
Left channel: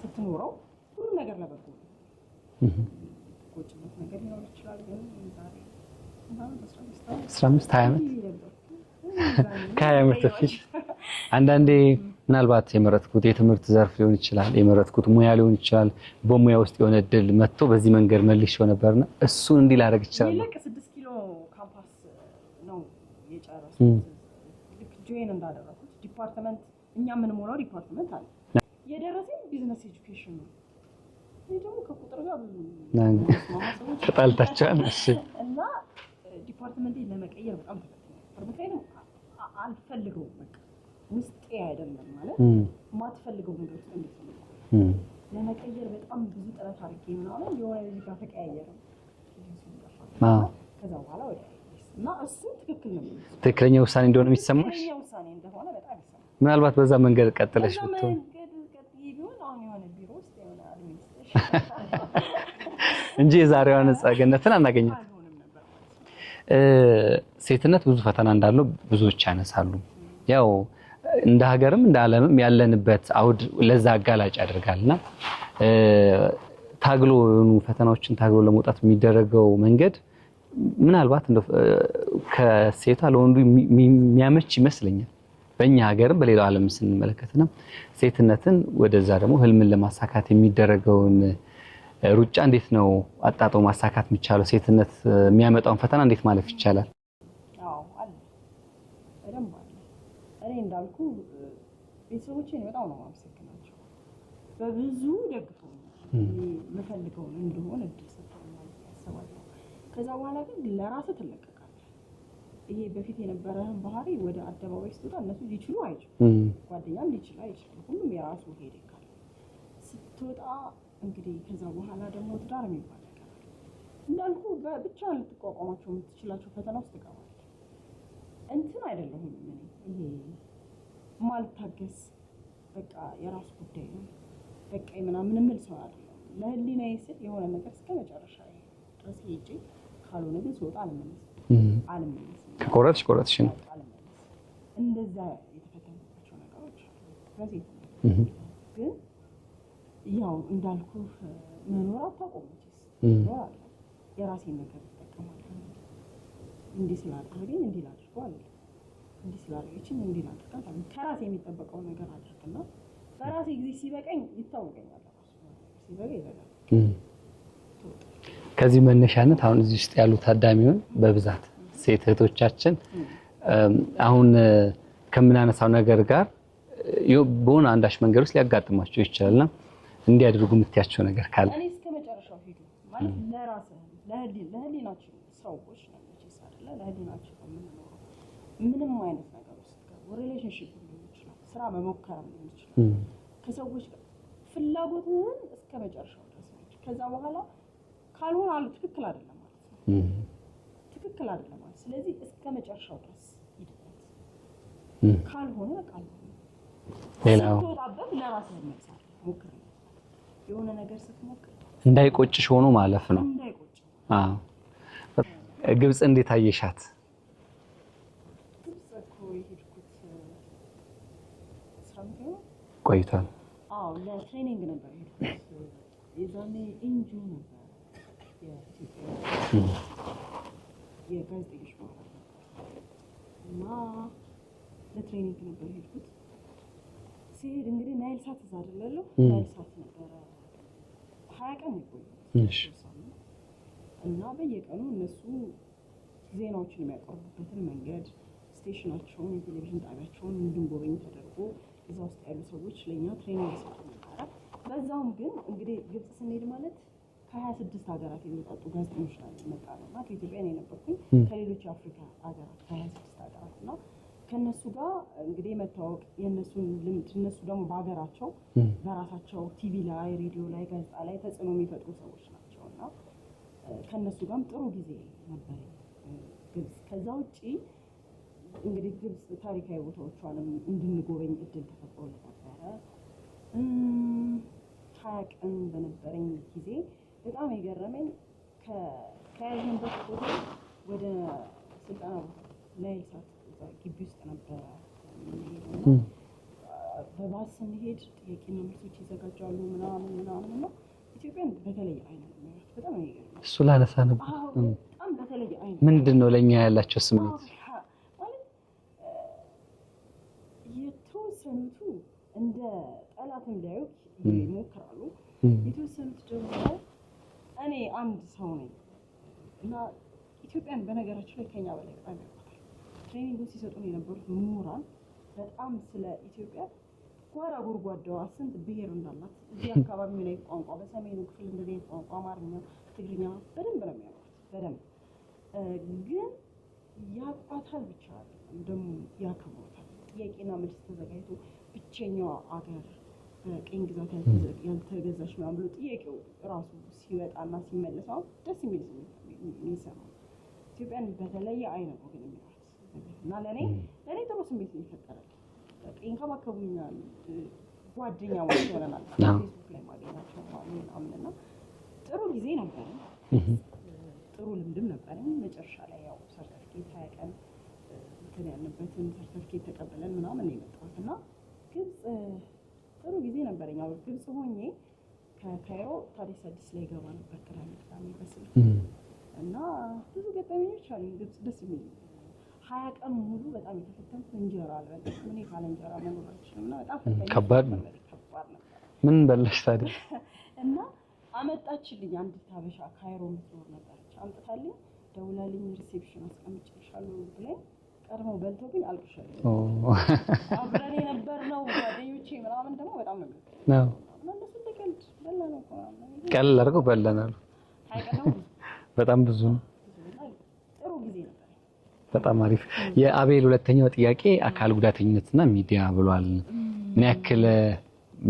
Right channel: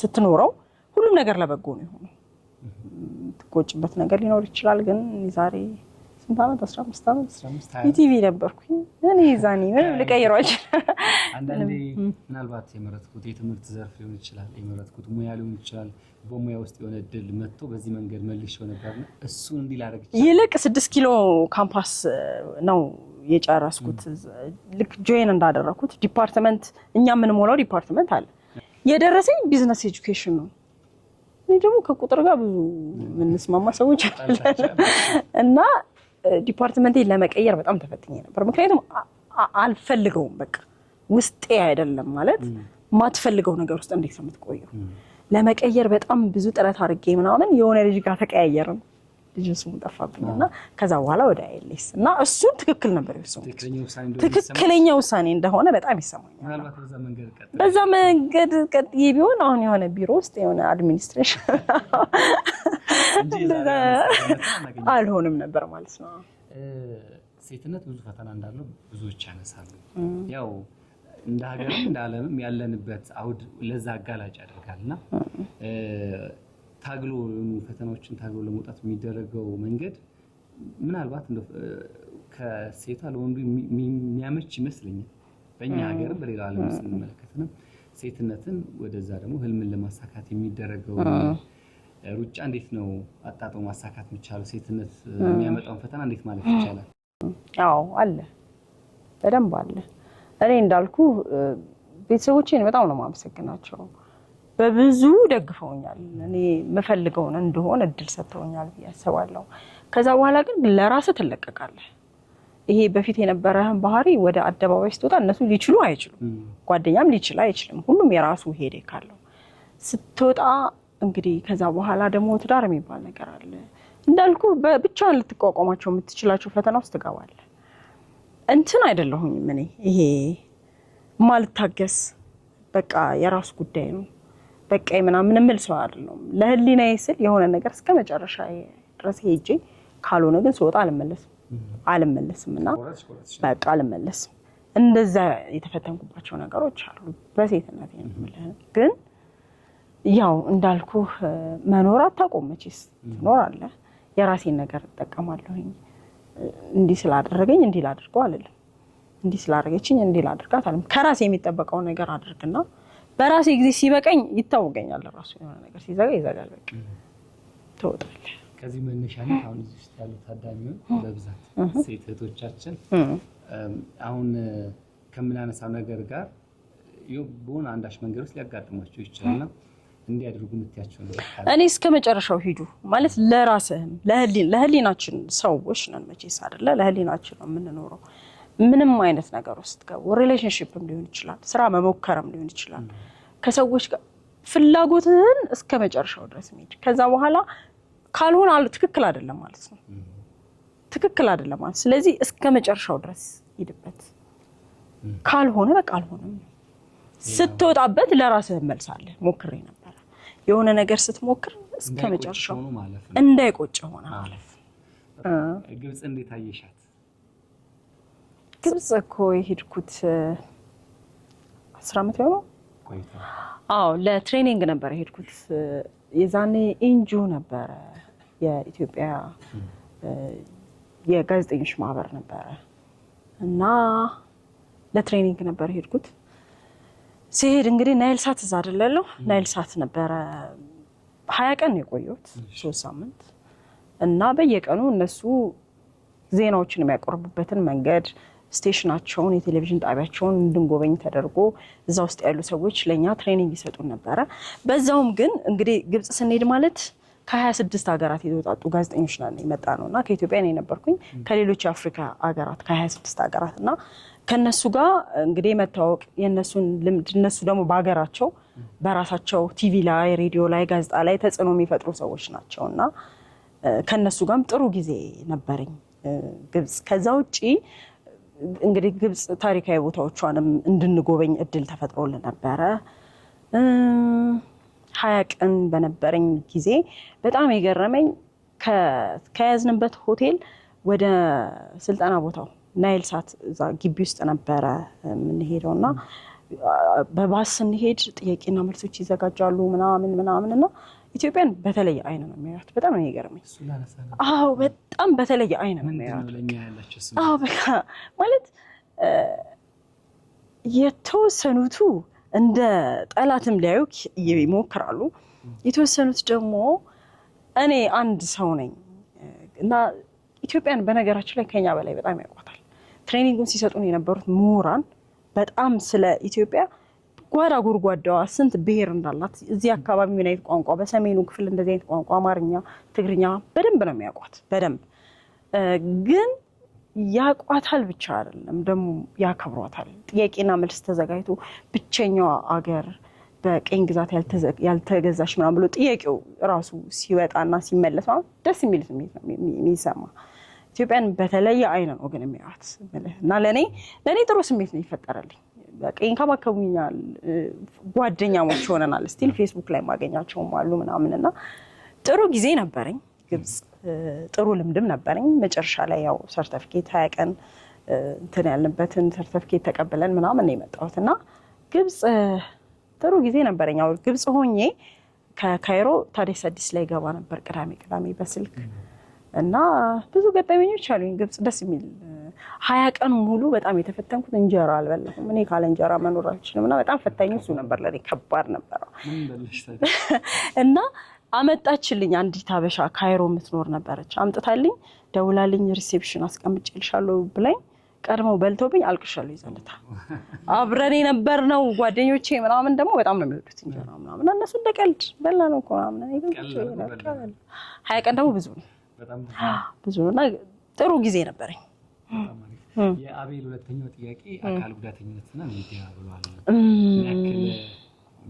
ስትኖረው ሁሉም ነገር ለበጎ ነው የሚሆነው። ትቆጭበት ነገር ሊኖር ይችላል። ግን ዛሬ ስንት ዓመት 15 ዓመት ቲቪ ነበርኩኝ እኔ ዛኔ ልቀይሯች። አንዳንዴ ምናልባት የመረጥኩት የትምህርት ዘርፍ ሊሆን ይችላል፣ የመረጥኩት ሙያ ሊሆን ይችላል። በሙያ ውስጥ የሆነ እድል መጥቶ በዚህ መንገድ መልሼው ነበርና እሱን እንዲህ ላደርግ ይችላል። ይልቅ 6 ኪሎ ካምፓስ ነው የጨረስኩት። ልክ ጆይን እንዳደረኩት ዲፓርትመንት እኛ የምንሞላው ዲፓርትመንት አለ። የደረሰኝ ቢዝነስ ኤጁኬሽን ነው። እኔ ደግሞ ከቁጥር ጋር ብዙ ምንስማማ ሰዎች እና ዲፓርትመንቴን ለመቀየር በጣም ተፈትኜ ነበር። ምክንያቱም አልፈልገውም፣ በቃ ውስጤ አይደለም ማለት ማትፈልገው ነገር ውስጥ እንዴት ነው የምትቆየው? ለመቀየር በጣም ብዙ ጥረት አድርጌ ምናምን የሆነ ልጅ ጋር ተቀያየርን። ልጅ ስሙ ጠፋብኝና ከዛ በኋላ ወደ አይኤልኤስ እና እሱን ትክክል ነበር ይሰማኝ። ትክክለኛ ውሳኔ እንደሆነ ይሰማኝ። ትክክለኛ ውሳኔ እንደሆነ በጣም ይሰማኝ። ምናልባት በዛ መንገድ ቀጥለሽ በዛ መንገድ ቀጥዬ ቢሆን አሁን የሆነ ቢሮ ውስጥ የሆነ አድሚኒስትሬሽን እንጂ የዛሬውን ጸገነትን አናገኝም አልሆንም ነበር ማለት ነው። ሴትነት ብዙ ፈተና እንዳለው ብዙዎች ያነሳሉ። ያው እንደ ሀገርም እንደ ዓለምም ያለንበት አውድ ለዛ አጋላጭ ያደርጋልና ታግሎ ፈተናዎችን ታግሎ ለመውጣት የሚደረገው መንገድ ምናልባት ከሴቷ ለወንዱ የሚያመች ይመስለኛል። በእኛ ሀገርም በሌላው ዓለም ስንመለከትና ሴትነትን ወደዛ ደግሞ ህልምን ለማሳካት የሚደረገው ሩጫ እንዴት ነው አጣጣው ማሳካት የሚቻለው? ሴትነት የሚያመጣውን ፈተና እንዴት ማለፍ ይቻላል? አዎ አለ፣ በደንብ አለ። እኔ እንዳልኩ ቤተሰቦቼን በጣም ነው የማመሰግናቸው። በብዙ ደግፈውኛል። እኔ የምፈልገውን እንደሆነ እድል ሰጥተውኛል ብዬ አስባለሁ። ከዛ በኋላ ግን ለራስህ ትለቀቃለህ። ይሄ በፊት የነበረህን ባህሪ ወደ አደባባይ ስትወጣ እነሱ ሊችሉ አይችሉም፣ ጓደኛም ሊችል አይችልም። ሁሉም የራሱ ሄዴክ አለው። ስትወጣ እንግዲህ ከዛ በኋላ ደግሞ ትዳር የሚባል ነገር አለ። እንዳልኩ ብቻህን ልትቋቋማቸው የምትችላቸው ፈተና ውስጥ ትገባለህ። እንትን አይደለሁኝም እኔ ይሄ ማልታገስ በቃ የራሱ ጉዳይ ነው በቃ ምናምን የምል ሰው አይደለም። ለህሊናዬ ስል የሆነ ነገር እስከ መጨረሻ ድረስ ሄጄ ካልሆነ ግን ስወጣ አልመለስም እና ቆረጥሽ በቃ አልመለስም። እንደዛ የተፈተንኩባቸው ነገሮች አሉ በሴትነት ግን ያው እንዳልኩ መኖር አታቆም መቼስ ትኖራለህ። የራሴን ነገር እጠቀማለሁኝ። እንዲህ ስላደረገኝ እንዲህ ላድርገው አልልም፣ እንዲህ ስላደረገችኝ እንዲህ ላድርጋት አልልም። ከራሴ የሚጠበቀው ነገር አድርግና በራሴ ጊዜ ሲበቀኝ ይታወቀኛል። ራሱ የሆነ ነገር ሲዘጋ ይዘጋል፣ በቃ ትወጣለህ። ከዚህ መነሻነት አሁን እዚህ ውስጥ ያሉ ታዳሚውን በብዛት ሴት እህቶቻችን አሁን ከምናነሳው ነገር ጋር በሆነ አንዳች መንገድ ውስጥ ሊያጋጥማቸው ይችላልና እንዲያደርጉ የምትያቸው ነገር ካለ? እኔ እስከ መጨረሻው ሂዱ ማለት ለራስህም ለህሊናችን ሰዎች ነን መቼስ አይደለ? ለህሊናችን ነው የምንኖረው። ምንም አይነት ነገር ውስጥ ገቡ፣ ሪሌሽንሺፕም ሊሆን ይችላል፣ ስራ መሞከርም ሊሆን ይችላል። ከሰዎች ጋር ፍላጎትህን እስከ መጨረሻው ድረስ ሄድ። ከዛ በኋላ ካልሆነ ትክክል አይደለም ማለት ነው። ትክክል አይደለም ማለት ስለዚህ እስከ መጨረሻው ድረስ ሂድበት። ካልሆነ በቃ አልሆነም። ስትወጣበት ለራስህ መልሳለህ። ሞክሬ ነበር የሆነ ነገር ስትሞክር እንዳይቆጭሽ ሆኖ ማለፍ ነው። እንዳይቆጭ ሆነ። ግብጽ እንዴት አየሻት? ግብጽ እኮ የሄድኩት 10 ዓመት ነው ቆይታ። አዎ ለትሬኒንግ ነበር የሄድኩት። የዛኔ ኢንጁ ነበር የኢትዮጵያ የጋዜጠኞች ማህበር ነበር እና ለትሬኒንግ ነበር የሄድኩት። ሲሄድ እንግዲህ ናይል ሳት እዛ አይደለለው ናይል ሳት ነበረ 20 ቀን ነው የቆየሁት 3 ሳምንት እና በየቀኑ እነሱ ዜናዎችን የሚያቀርቡበትን መንገድ ስቴሽናቸውን የቴሌቪዥን ጣቢያቸውን እንድንጎበኝ ተደርጎ እዛ ውስጥ ያሉ ሰዎች ለኛ ትሬኒንግ ይሰጡን ነበረ። በዛውም ግን እንግዲህ ግብጽ ስንሄድ ማለት ከ26 ሀገራት የተወጣጡ ጋዜጠኞች ነን የመጣ ነውና ከኢትዮጵያ ነው የነበርኩኝ ከሌሎች የአፍሪካ ሀገራት ከ26 ሀገራት እና ከነሱ ጋር እንግዲህ መታወቅ የነሱን ልምድ እነሱ ደግሞ በሀገራቸው በራሳቸው ቲቪ ላይ ሬዲዮ ላይ ጋዜጣ ላይ ተጽዕኖ የሚፈጥሩ ሰዎች ናቸውና ከነሱ ጋርም ጥሩ ጊዜ ነበረኝ ግብጽ። ከዛ ውጪ እንግዲህ ግብጽ ታሪካዊ ቦታዎቿንም እንድንጎበኝ እድል ተፈጥሮልን ነበረ። 20 ቀን በነበረኝ ጊዜ በጣም የገረመኝ ከያዝንበት ሆቴል ወደ ስልጠና ቦታው ናይል ሳት እዛ ግቢ ውስጥ ነበረ የምንሄደውና በባስ ስንሄድ ጥያቄና መልሶች ይዘጋጃሉ ምናምንና ኢትዮጵያን በተለየ አይን ነው የሚያዩት። በጣም ነው የገረመኝ። እሱ ላነሳ ነበር። አዎ በጣም በተለየ አይን ነው። ምንድነው ለኛ ያላቸው ስም? አዎ በቃ ማለት የተወሰኑቱ እንደ ጠላትም ሊያዩክ ይሞክራሉ። የተወሰኑት ደግሞ እኔ አንድ ሰው ነኝ እና ኢትዮጵያን በነገራችን ላይ ከኛ በላይ በጣም ያውቋታል። ትሬኒንጉን ሲሰጡን የነበሩት ምሁራን በጣም ስለ ኢትዮጵያ ጓዳ ጉርጓዳዋ ስንት ብሔር እንዳላት እዚህ አካባቢ ምን አይነት ቋንቋ በሰሜኑ ክፍል እንደዚህ አይነት ቋንቋ አማርኛ፣ ትግርኛ በደንብ ነው የሚያውቋት። በደንብ ግን ያቋታል ብቻ አይደለም ደግሞ ያከብሯታል። ጥያቄና መልስ ተዘጋጅቶ ብቸኛዋ አገር በቀኝ ግዛት ያልተገዛሽ ምናምን ብሎ ጥያቄው ራሱ ሲወጣና ሲመለስ ማለት ደስ የሚል ስሜት ነው የሚሰማ። ኢትዮጵያን በተለየ አይን ነው ግን የሚያዩት እና ለኔ ጥሩ ስሜት ነው ይፈጠራልኝ። በቃ ይንከባከቡኛል፣ ጓደኛሞች ሆነናል። እስቲ ፌስቡክ ላይ ማገኛቸውም አሉ ምናምንና ጥሩ ጊዜ ነበረኝ ግብጽ። ጥሩ ልምድም ነበረኝ። መጨረሻ ላይ ያው ሰርቲፊኬት 20 ቀን እንትን ያልንበትን ሰርተፊኬት ተቀበለን ምናምን ነው የመጣሁትና ግብጽ ጥሩ ጊዜ ነበረኝ። ያው ግብጽ ሆኜ ከካይሮ ታዲስ አዲስ ላይ ገባ ነበር ቅዳሜ በስልክ እና ብዙ ገጠመኞች አሉኝ። ግብጽ ደስ የሚል 20 ቀን ሙሉ በጣም የተፈተንኩት እንጀራ አልበላሁም። እኔ ካለ እንጀራ መኖር አልችልም እና በጣም ፈታኝ ነበር ለኔ፣ ከባድ ነበር። ምን በለሽ ታዲያ? እና አመጣችልኝ አንዲት ሀበሻ ካይሮ የምትኖር ነበረች። አምጥታልኝ ደውላልኝ ሪሴፕሽን አስቀምጬልሻለሁ ብላኝ ቀድመው በልቶብኝ አልቅሻለሁ። ይዘውታ አብረን የነበርነው ጓደኞቼ ምናምን ደግሞ በጣም ነው የሚወዱት ምናምን እነሱ እንደ ቀልድ በላነው እኮ ምናምን ቀልድ አድርገው በላናል። 20 ቀን ደግሞ ብዙ ነው፣ በጣም ብዙ ነው እና ጥሩ ጊዜ ነበረኝ። በጣም አሪፍ። የአቤል ሁለተኛው ጥያቄ አካል ጉዳተኝነትና ሚዲያ ብሏል። ምን ያክል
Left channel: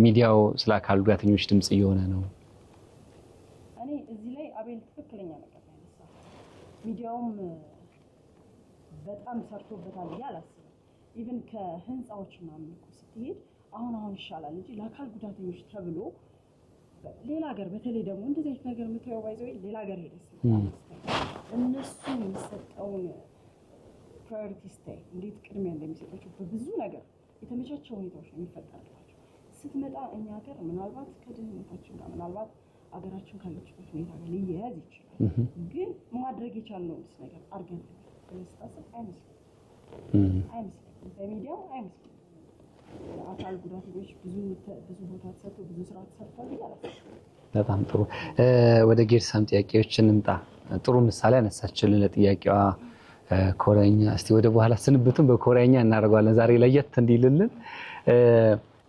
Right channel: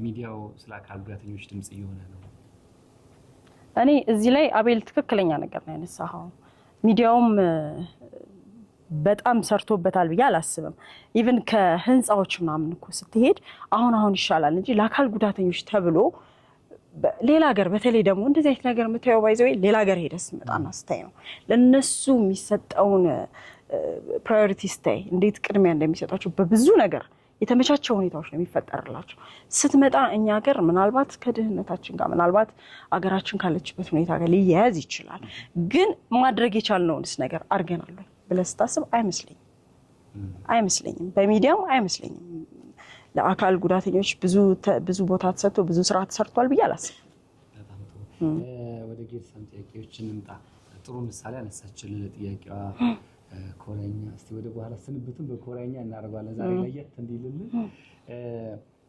ሚዲያው ስለ አካል ጉዳተኞች ድምጽ እየሆነ ነው? እኔ እዚህ ላይ አቤል ትክክለኛ ነገር ነው ያነሳው። ሚዲያውም በጣም ሰርቶበታል ብዬ አላስብም። ኢቭን ከህንጻዎች ምናምን እኮ ስትሄድ አሁን ይሻላል እንጂ ለአካል ጉዳተኞች ተብሎ ሌላ ሀገር በተለይ ደግሞ እንደዚህ አይነት ነገር የምታየው ባይዘው ሌላ ሀገር ሄደስ መጣና ስታይ ነው ለነሱ የሚሰጠውን ፕራዮሪቲ ስታይ እንዴት ቅድሚያ እንደሚሰጣቸው በብዙ ነገር የተመቻቸው ሁኔታዎች ነው የሚፈጠርላቸው። ስትመጣ እኛ ሀገር ምናልባት ከድህነታችን ጋር ምናልባት አገራችን ካለችበት ሁኔታ ጋር ሊያያዝ ይችላል። ግን ማድረግ የቻልነውንስ ነገር አድርገናል ብለህ ስታስብ አይመስለኝም። በሚዲያም አይመስለኝም። ለአካል ጉዳተኞች ብዙ ቦታ ተሰጥቶ ብዙ ስራ ተሰርቷል ብዬ አላስብም። በጣም ጥሩ። ወደ ጌርሳም ጥያቄዎች እንምጣ። ጥሩ ምሳሌ አነሳችልን ለጥያቄዋ ኮሪያኛ። እስቲ ወደ በኋላ ስንብቱን በኮሪያኛ እናደርገዋለን ዛሬ ለየት እንዲልልን።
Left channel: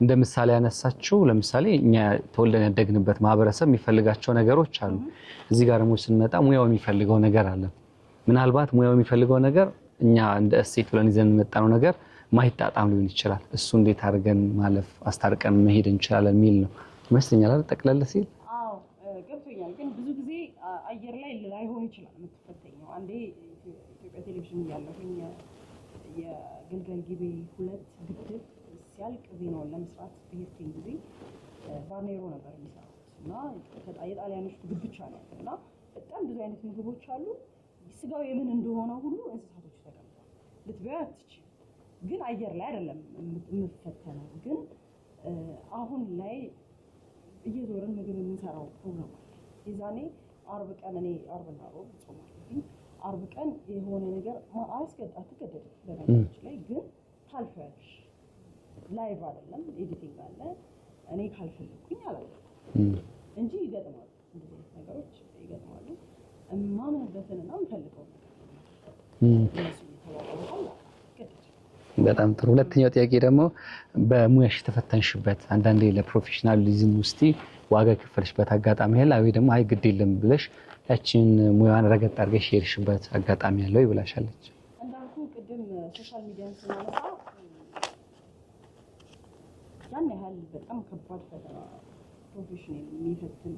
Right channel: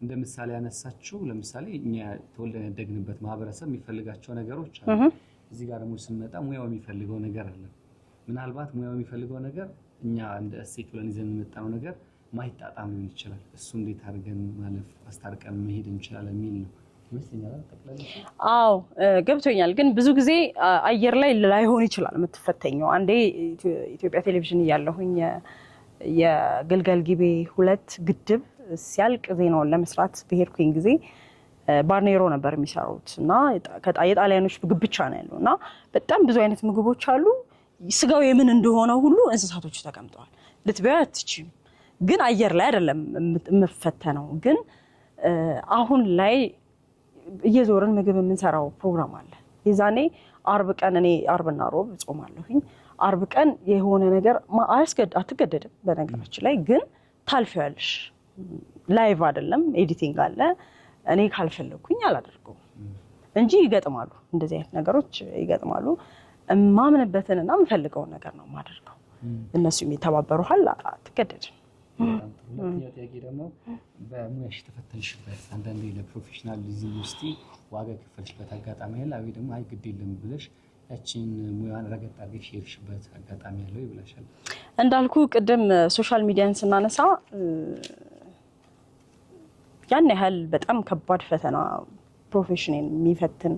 እንደ ምሳሌ ያነሳችው ለምሳሌ እኛ ተወልደን ያደግንበት ማህበረሰብ የሚፈልጋቸው ነገሮች አሉ። እዚህ ጋር ደግሞ ስንመጣ ሙያው የሚፈልገው ነገር አለ። ምናልባት ሙያው የሚፈልገው ነገር እኛ እንደ እሴት ብለን ይዘን የመጣነው ነገር ማይጣጣም ሊሆን ይችላል። እሱ እንዴት አድርገን ማለፍ አስታርቀን መሄድ እንችላለን የሚል ነው ይመስለኛል። ጠቅለል ሲል አዎ ገብቶኛል። ግን ብዙ ጊዜ አየር ላይ ላይሆን ይችላል የምትፈተኘው። አንዴ ኢትዮጵያ ቴሌቪዥን እያለሁኝ የግልገል ጊቤ 2 ግድብ ሲያልቅ ዜናውን ለመስራት በሄድኩኝ ጊዜ ባርኔሮ ነበር የሚሰሩት እና የጣሊያኖች ምግብ ብቻ ነው ያለው እና በጣም ብዙ አይነት ምግቦች አሉ። ስጋው የምን እንደሆነ ሁሉ እንስሳቶች ተቀምጠዋል። ልትበያ አትችይም። ግን አየር ላይ አይደለም የምፈተነው። ግን አሁን ላይ እየዞርን ምግብ የምንሰራው ፕሮግራም አለ። የዛኔ አርብ ቀን እኔ አርብና ሮብ ጾማለሁኝ። አርብ ቀን የሆነ ነገር አትገደድም በነገራችን ላይ ግን ታልፊያለሽ። ላይቭ አይደለም ኤዲቲንግ አለ። እኔ ካልፈለኩኝ አላደርገውም እንጂ ይገጥማሉ፣ እንደዚህ አይነት ነገሮች ይገጥማሉ። ማምንበትንና የምፈልገውን ነገር ነው የማደርገው። እነሱ የሚተባበሩሃል፣ አትገደድም። በጣም ጥሩ። ሁለተኛው ጥያቄ ደግሞ በሙያሽ ተፈተንሽበት አንዳንዴ ለፕሮፌሽናሊዝም ውስጥ ዋጋ ከፈልሽበት አጋጣሚ ያለ ወይ ደግሞ አይ ግድ የለም ብለሽ ያቺን ሙያን ረገጥ አድርገሽ ሄድሽበት አጋጣሚ ያለው ይብላሻለች? እንዳልኩ ቅድም ሶሻል ሚዲያን ስናነሳ ያን ያህል በጣም ከባድ ፈተና ፕሮፌሽኔን የሚፈትን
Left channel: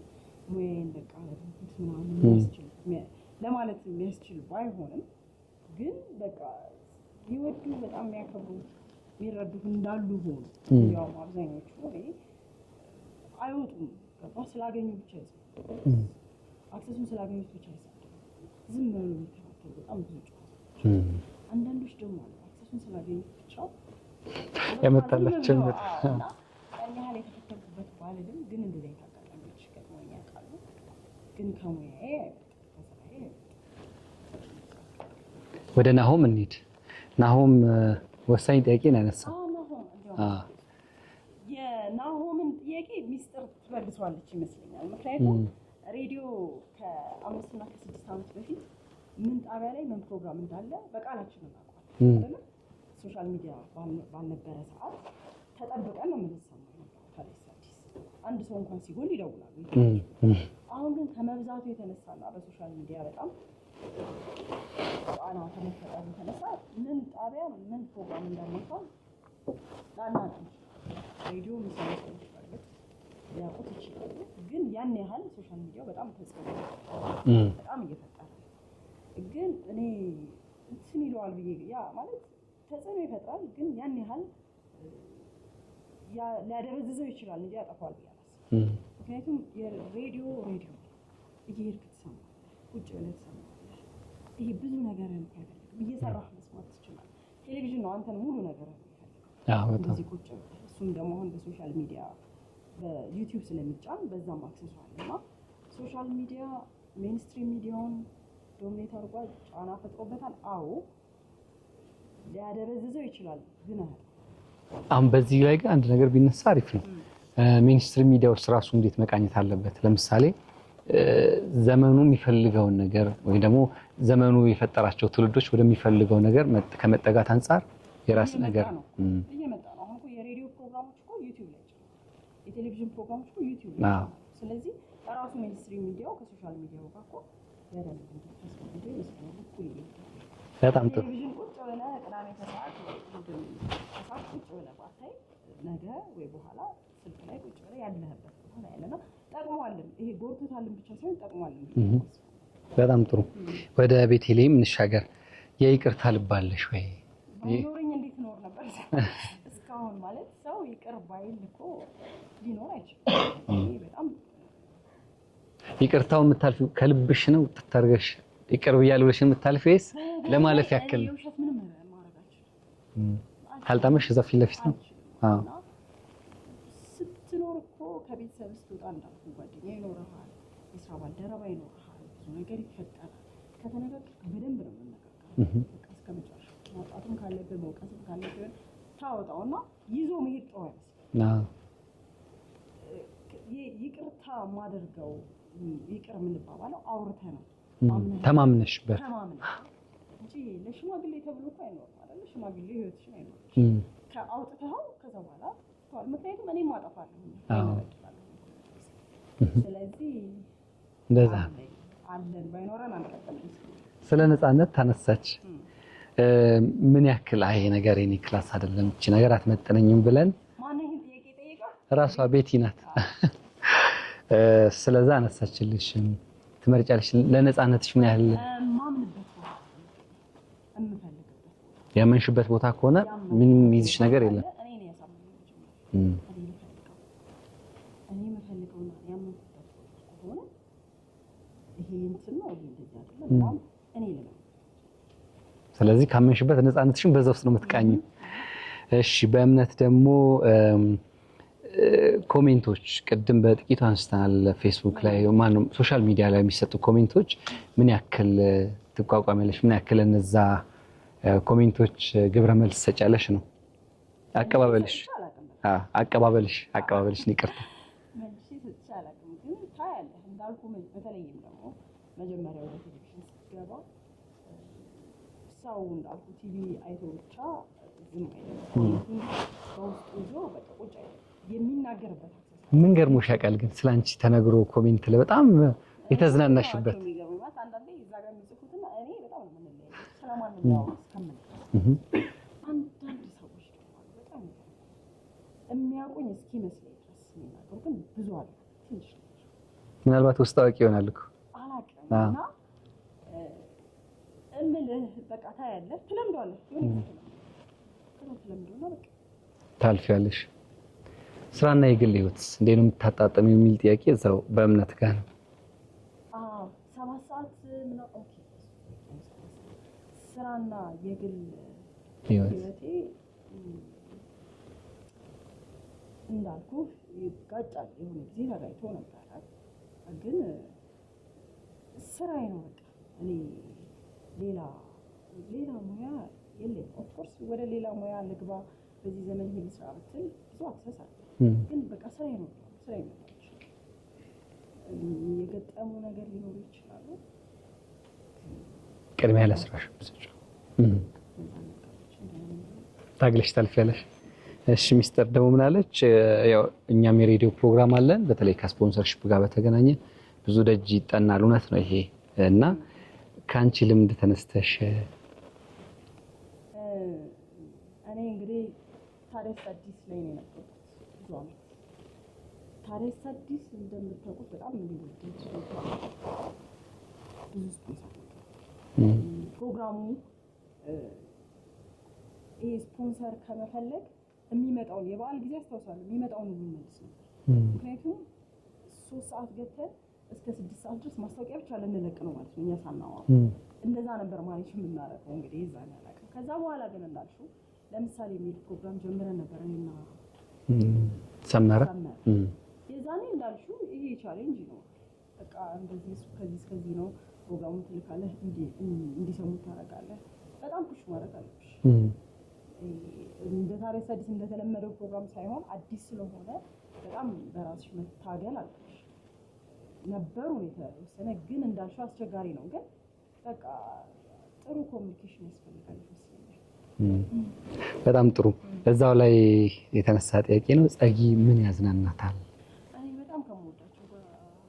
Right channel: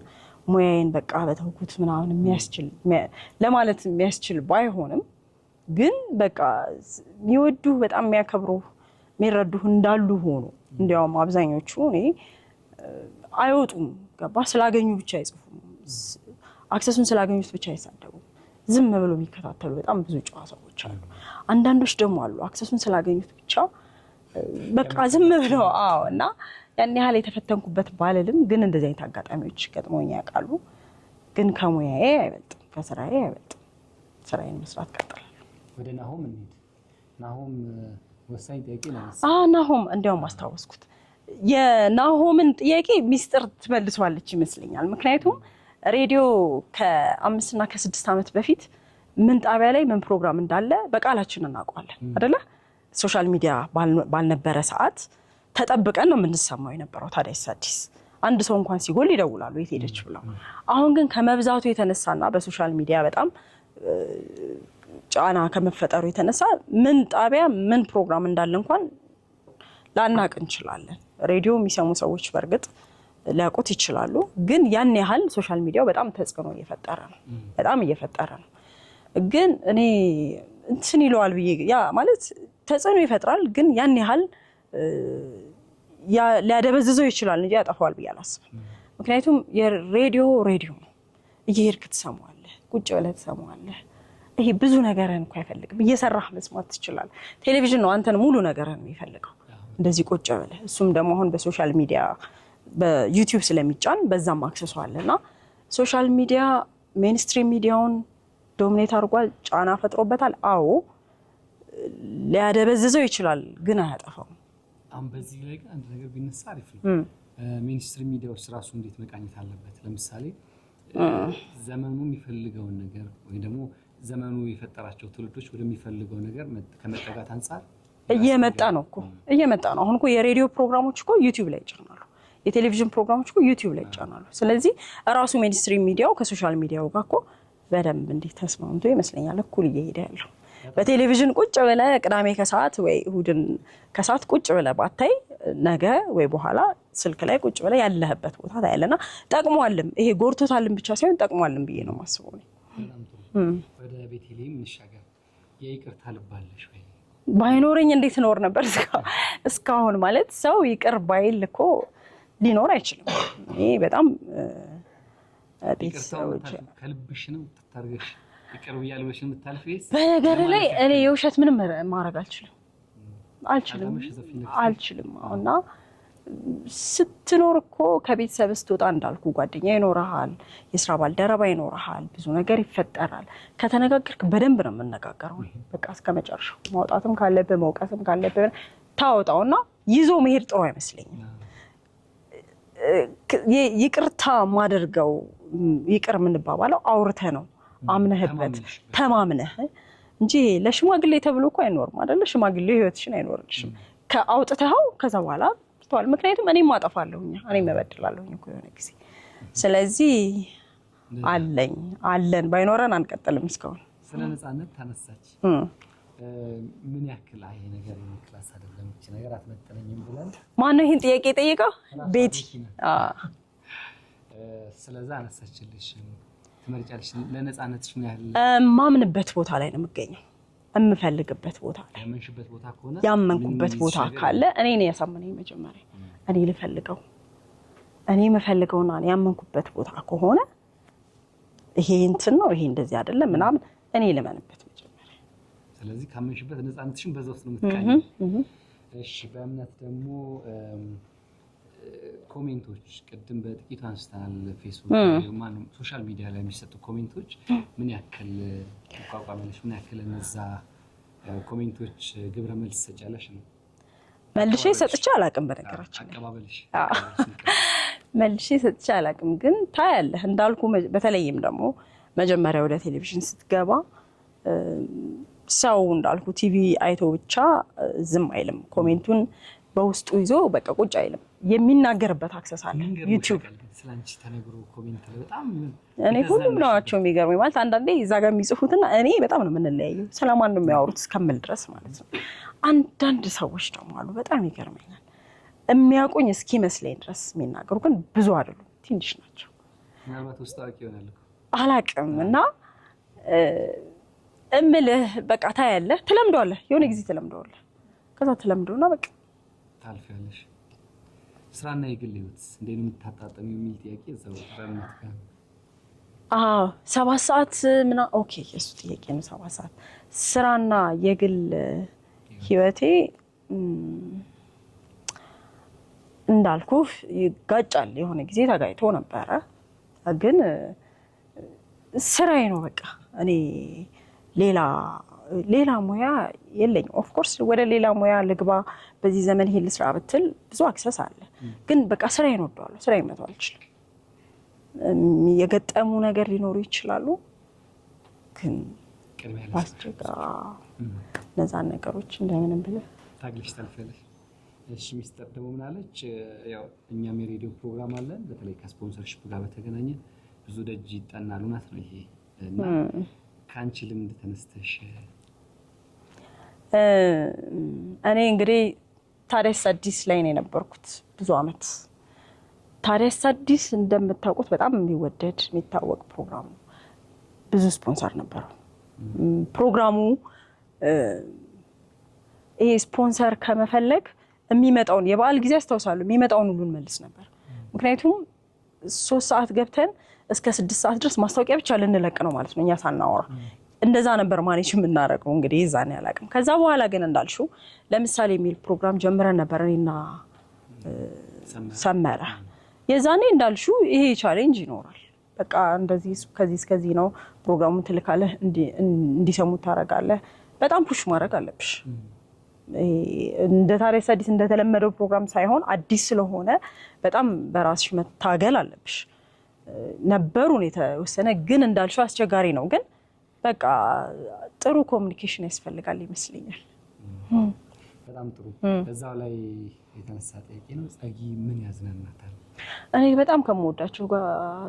ሙያዬን በቃ በተውኩት ምናምን የሚያስችል ለማለት የሚያስችል ባይሆንም ግን በቃ የሚወዱ በጣም የሚያከብሩ የሚረዱ እንዳሉ ሆኖ እንዲያውም አብዛኞቹ እኔ አይወጡም። ገባ ስላገኙ ብቻ አይጽፉም፣ አክሰሱን ስላገኙት ብቻ አይሳደቡም። ዝም ብሎ የሚከታተሉ በጣም ብዙ ጨዋ ሰዎች አሉ። አንዳንዶች ደግሞ አሉ አክሰሱን ስላገኙት ብቻ በቃ ዝም ብለው እና ያን ያህል የተፈተንኩበት ባልልም ግን እንደዚህ አይነት አጋጣሚዎች ገጥሞኝ ያውቃሉ። ግን ከሙያዬ አይበልጥም፣ ከስራዬ አይበልጥም። ስራዬን መስራት ቀጥላለሁ። ወደ ናሆም እንሂድ። ናሆም ወሳኝ ጥያቄ ናነሳ። ናሆም እንዲያውም አስታወስኩት። የናሆምን ጥያቄ ሚስጥር ትመልሷለች ይመስለኛል። ምክንያቱም ሬዲዮ ከ5 እና ከ6 ዓመት በፊት ምን ጣቢያ ላይ ምን ፕሮግራም እንዳለ በቃላችን እናውቀዋለን አይደለ? ሶሻል ሚዲያ ባልነበረ ሰዓት ተጠብቀን ነው የምንሰማው የነበረው። ታዲያስ አዲስ አንድ ሰው እንኳን ሲጎል ይደውላሉ የት ሄደች ብለው። አሁን ግን ከመብዛቱ የተነሳና በሶሻል ሚዲያ በጣም ጫና ከመፈጠሩ የተነሳ ምን ጣቢያ ምን ፕሮግራም እንዳለ እንኳን ላናቅ እንችላለን። ሬዲዮ የሚሰሙ ሰዎች በእርግጥ ሊያውቁት ይችላሉ። ግን ያን ያህል ሶሻል ሚዲያው በጣም ተጽዕኖ እየፈጠረ ነው፣ በጣም እየፈጠረ ነው። ግን እኔ እንትን ይለዋል ብዬ ያ ማለት ተጽዕኖ ይፈጥራል፣ ግን ያን ያህል ሊያደበዝዘው ይችላል እንጂ ያጠፋዋል ብዬ አላስብም። ምክንያቱም የሬዲዮ ነው፣ እየሄድክ ትሰማዋለህ፣ ቁጭ ብለህ ትሰማዋለህ። ይሄ ብዙ ነገርን እንኳን አይፈልግም። እየሰራህ መስማት ትችላለህ። ቴሌቪዥን ነው አንተን ሙሉ ነገርን የሚፈልገው እንደዚህ ቁጭ ብለህ። እሱም ደግሞ አሁን በሶሻል ሚዲያ በዩቲዩብ ስለሚጫን በዛም አክሰሱ አለና ሶሻል ሚዲያ ሜንስትሪም ሚዲያውን ዶሚኔት አድርጓል፣ ጫና ፈጥሮበታል። አዎ ሊያደበዝዘው ይችላል፣ ግን አያጠፋው። አሁን በዚህ ላይ ግን አንድ ነገር ቢነሳ አሪፍ ነው። ሜንስትሪም ሚዲያው ራሱ እንዴት መቃኘት አለበት? ለምሳሌ ዘመኑ የሚፈልገውን ነገር ወይ ደግሞ ዘመኑ የፈጠራቸው ትውልዶች ወደሚፈልገው ነገር ከመጠጋት አንፃር እየመጣ ነው እኮ እየመጣ ነው። አሁን እኮ የሬዲዮ ፕሮግራሞች እኮ ዩቲዩብ ላይ ይጫናሉ፣ የቴሌቪዥን ፕሮግራሞች እኮ ዩቲዩብ ላይ ይጫናሉ። ስለዚህ ራሱ ሜንስትሪም ሚዲያው ከሶሻል ሚዲያው ጋር እኮ በደንብ እንዲህ ተስማምቶ ይመስለኛል እኩል እየሄደ ያለው። በቴሌቪዥን ቁጭ ብለህ ቅዳሜ ከሰዓት ወይ እሁድን ከሰዓት ቁጭ ብለህ ባታይ ነገ ወይ በኋላ ስልክ ላይ ቁጭ ብለህ ያለህበት ቦታ ታያለና ጠቅሟልም። ይሄ ጎርቶታልም ብቻ ሳይሆን ጠቅሟልም ብዬ ነው ማስበው። በጣም ጥሩ። ወደ ቤተልሔም እንሻገር። የይቅርታ ልብ አለሽ ወይ? ባይኖረኝ እንዴት ኖር ነበር እስካሁን። ማለት ሰው ይቅር ባይል እኮ ሊኖር አይችልም። ይሄ በጣም ይቅርታው የምታልፊው ከልብሽ ነው ተታርገሽ ይቅር ብያለሁ ብለሽ የምታልፊው ወይስ ለማለት ያክል? እኔ የውሸት ምንም ማድረግ አልችልም። ካልጣመሽ እዛ ፊት ለፊት አልችልም። እና ስትኖር እኮ ከቤተሰብ ስትወጣ እንዳልኩ ጓደኛ ይኖርሃል፣ የስራ ባልደረባ ይኖርሃል፣ ብዙ ነገር ይፈጠራል። ከተነጋገርክ በደንብ ነው የምነጋገረው። በቃ እስከመጨረሻው ማውጣትም ካለብህ መውቀስም ካለብህ ታወጣውና ይዞ መሄድ ጥሩ አይመስለኝም። ይቅርታ ማደርገው ይቅር የምንባባለው አውርተህ ነው አምነህበት ተማምነህ እንጂ ለሽማግሌ ተብሎ እኮ አይኖርም አይደለ? ሽማግሌ ህይወትሽን አይኖርልሽም። ከአውጥተኸው ከዛ በኋላ ትተዋል። ምክንያቱም እኔም አጠፋለሁኝ እኔም እበድላለሁኝ እኮ የሆነ ጊዜ። ስለዚህ አለን ባይኖረን አንቀጥልም። እስካሁን ስለ ነፃነት ታነሳች። ምን ያክል አይ ነገር የኔ ክላስ አይደለም እቺ ነገር አትመጠነኝም ብለን ማን ነው ይሄን ጥያቄ ጠየቀው? ራሷ ቤቲ ናት። ስለዛ አነሳችልሽ። ትመርጫለሽ? ለነፃነትሽ ምን ያህል ማምንበት ቦታ ላይ ነው የምገኘው። የምፈልግበት ቦታ ያመንሽበት ቦታ ከሆነ ያመንኩበት ቦታ ካለ እኔ ነኝ ያሳመነኝ መጀመሪያ። እኔ ልፈልገው እኔ የምፈልገውና ያመንኩበት ቦታ ከሆነ ይሄ እንትን ነው ይሄ እንደዚህ አይደለም ምናምን እኔ ልመንበት መጀመሪያ። ስለዚህ ካመንሽበት ነፃነትሽን በዛ ውስጥ ነው የምትቃኝ። እሺ በእምነት ደግሞ ኮሜንቶች ቅድም በጥቂቱ አንስተናል። ፌስቡክ ላይ ማነው ሶሻል ሚዲያ ላይ የሚሰጡ ኮሜንቶች ምን ያክል ትቋቋሚያለሽ? ምን ያክል እነዛ ኮሜንቶች ግብረ መልስ ሰጫለሽ ነው? መልሼ ሰጥቼ አላውቅም። በነገራችን አቀባበልሽ ይቅርታ መልሼ ሰጥቼ አላውቅም። ግን ታያለህ እንዳልኩ በተለይም ደግሞ መጀመሪያ ወደ ቴሌቪዥን ስትገባ ሰው እንዳልኩ ቲቪ አይቶ ብቻ ዝም አይልም። ኮሜንቱን በውስጡ ይዞ በቃ ቁጭ አይልም። የሚናገርበት አክሰስ አለ። ምን ገርሞሽ ያውቃል? ግን ስላንቺ ተነግሮ ኮሜንት ላይ በጣም የተዝናናሽበት የሚገርመኝ ማለት አንዳንዴ እዛ ጋር የሚጽፉትና እኔ በጣም ነው የምንለያየው። ስለማን ነው የሚያወሩት እስከምል ድረስ ማለት ነው። አንዳንድ ሰዎች ደግሞ አሉ በጣም ይገርመኛል። የሚያውቁኝ እስኪመስለኝ ድረስ የሚናገሩ ግን ብዙ አይደሉም፣ ትንሽ ናቸው። ምናልባት ውስጥ አዋቂ ይሆናል እኮ አላውቅም። እና እምልህ በቃ ታያለህ፣ ትለምደዋለህ፣ የሆነ ጊዜ ትለምደዋለህ። ከዛ ትለምደውና በቃ ታልፊያለሽ። ስራና የግል ህይወትስ እንዴት ነው የምታጣጣሚው የሚል ጥያቄ እዛው በእምነት ጋር ነው። 7 ሰዓት ምና ኦኬ፣ እሱ ጥያቄ ነው። 7 ሰዓት ስራና የግል ህይወቴ እንዳልኩ ይጋጫል። የሆነ ጊዜ ተጋይቶ ነበረ፣ ግን ስራዬ ነው በቃ። እኔ ሌላ ሙያ የለኝም። ኦፍ ኮርስ ወደ ሌላ ሙያ ልግባ በዚህ ዘመን ይሄን ልስራ ብትል ብዙ አክሰስ አለ። ግን በቃ ስራዬን እወደዋለሁ። ስራዬን መተው አልችልም። የገጠሙ ነገር ሊኖሩ ይችላሉ፣ ግን ቅድሚያ ለስራሽ እነዛን ነገሮች እንደምንም ብለህ ታግለሽ ታልፊያለሽ። እሺ ሚስጥር ደግሞ ምን አለች? ያው እኛም የሬዲዮ ፕሮግራም አለን። በተለይ ከስፖንሰርሺፕ ጋር በተገናኘ ብዙ ደጅ ይጠናል። እውነት ነው ይሄ እና ከአንቺ ልምድ ተነስተሽ እኔ እንግዲህ ታዲያስ አዲስ ላይ ነው የነበርኩት ብዙ አመት። ታዲያስ አዲስ እንደምታውቁት በጣም የሚወደድ የሚታወቅ ፕሮግራም፣ ብዙ ስፖንሰር ነበረው ፕሮግራሙ። ይሄ ስፖንሰር ከመፈለግ የሚመጣውን የበዓል ጊዜ አስታውሳለሁ፣ የሚመጣውን ሁሉ እንመልስ ነበር። ምክንያቱም 3 ሰዓት ገብተን እስከ 6 ሰዓት ድረስ ማስታወቂያ ብቻ ልንለቅ ነው ማለት ነው እኛ ሳናወራ። እንደዛ ነበር ማኔጅ የምናደርገው እንግዲህ እዛኔ አላውቅም። ከዛ በኋላ ግን እንዳልሽው ለምሳሌ የሚል ፕሮግራም ጀምረን ነበር እኔና ሰመረ። የዛኔ እንዳልሽው ይሄ ቻሌንጅ ይኖራል። በቃ እንደዚህ ከዚህ እስከዚህ ነው ፕሮግራሙን ትልካለህ፣ እንዲሰሙት ታደርጋለህ። በጣም ፑሽ ማድረግ አለብሽ። እንደ ታዲያስ አዲስ እንደተለመደው ፕሮግራም ሳይሆን አዲስ ስለሆነ በጣም በራስሽ መታገል አለብሽ። ነበሩን የተወሰነ ግን እንዳልሽው አስቸጋሪ ነው። ግን በቃ ጥሩ ኮሚኒኬሽን ያስፈልጋል ይመስለኛል። በጣም ጥሩ። እዛው ላይ የተነሳ ጥያቄ ነው። ጸጊ ምን ያዝናናታል? እኔ በጣም ከምወዳቸው ጋር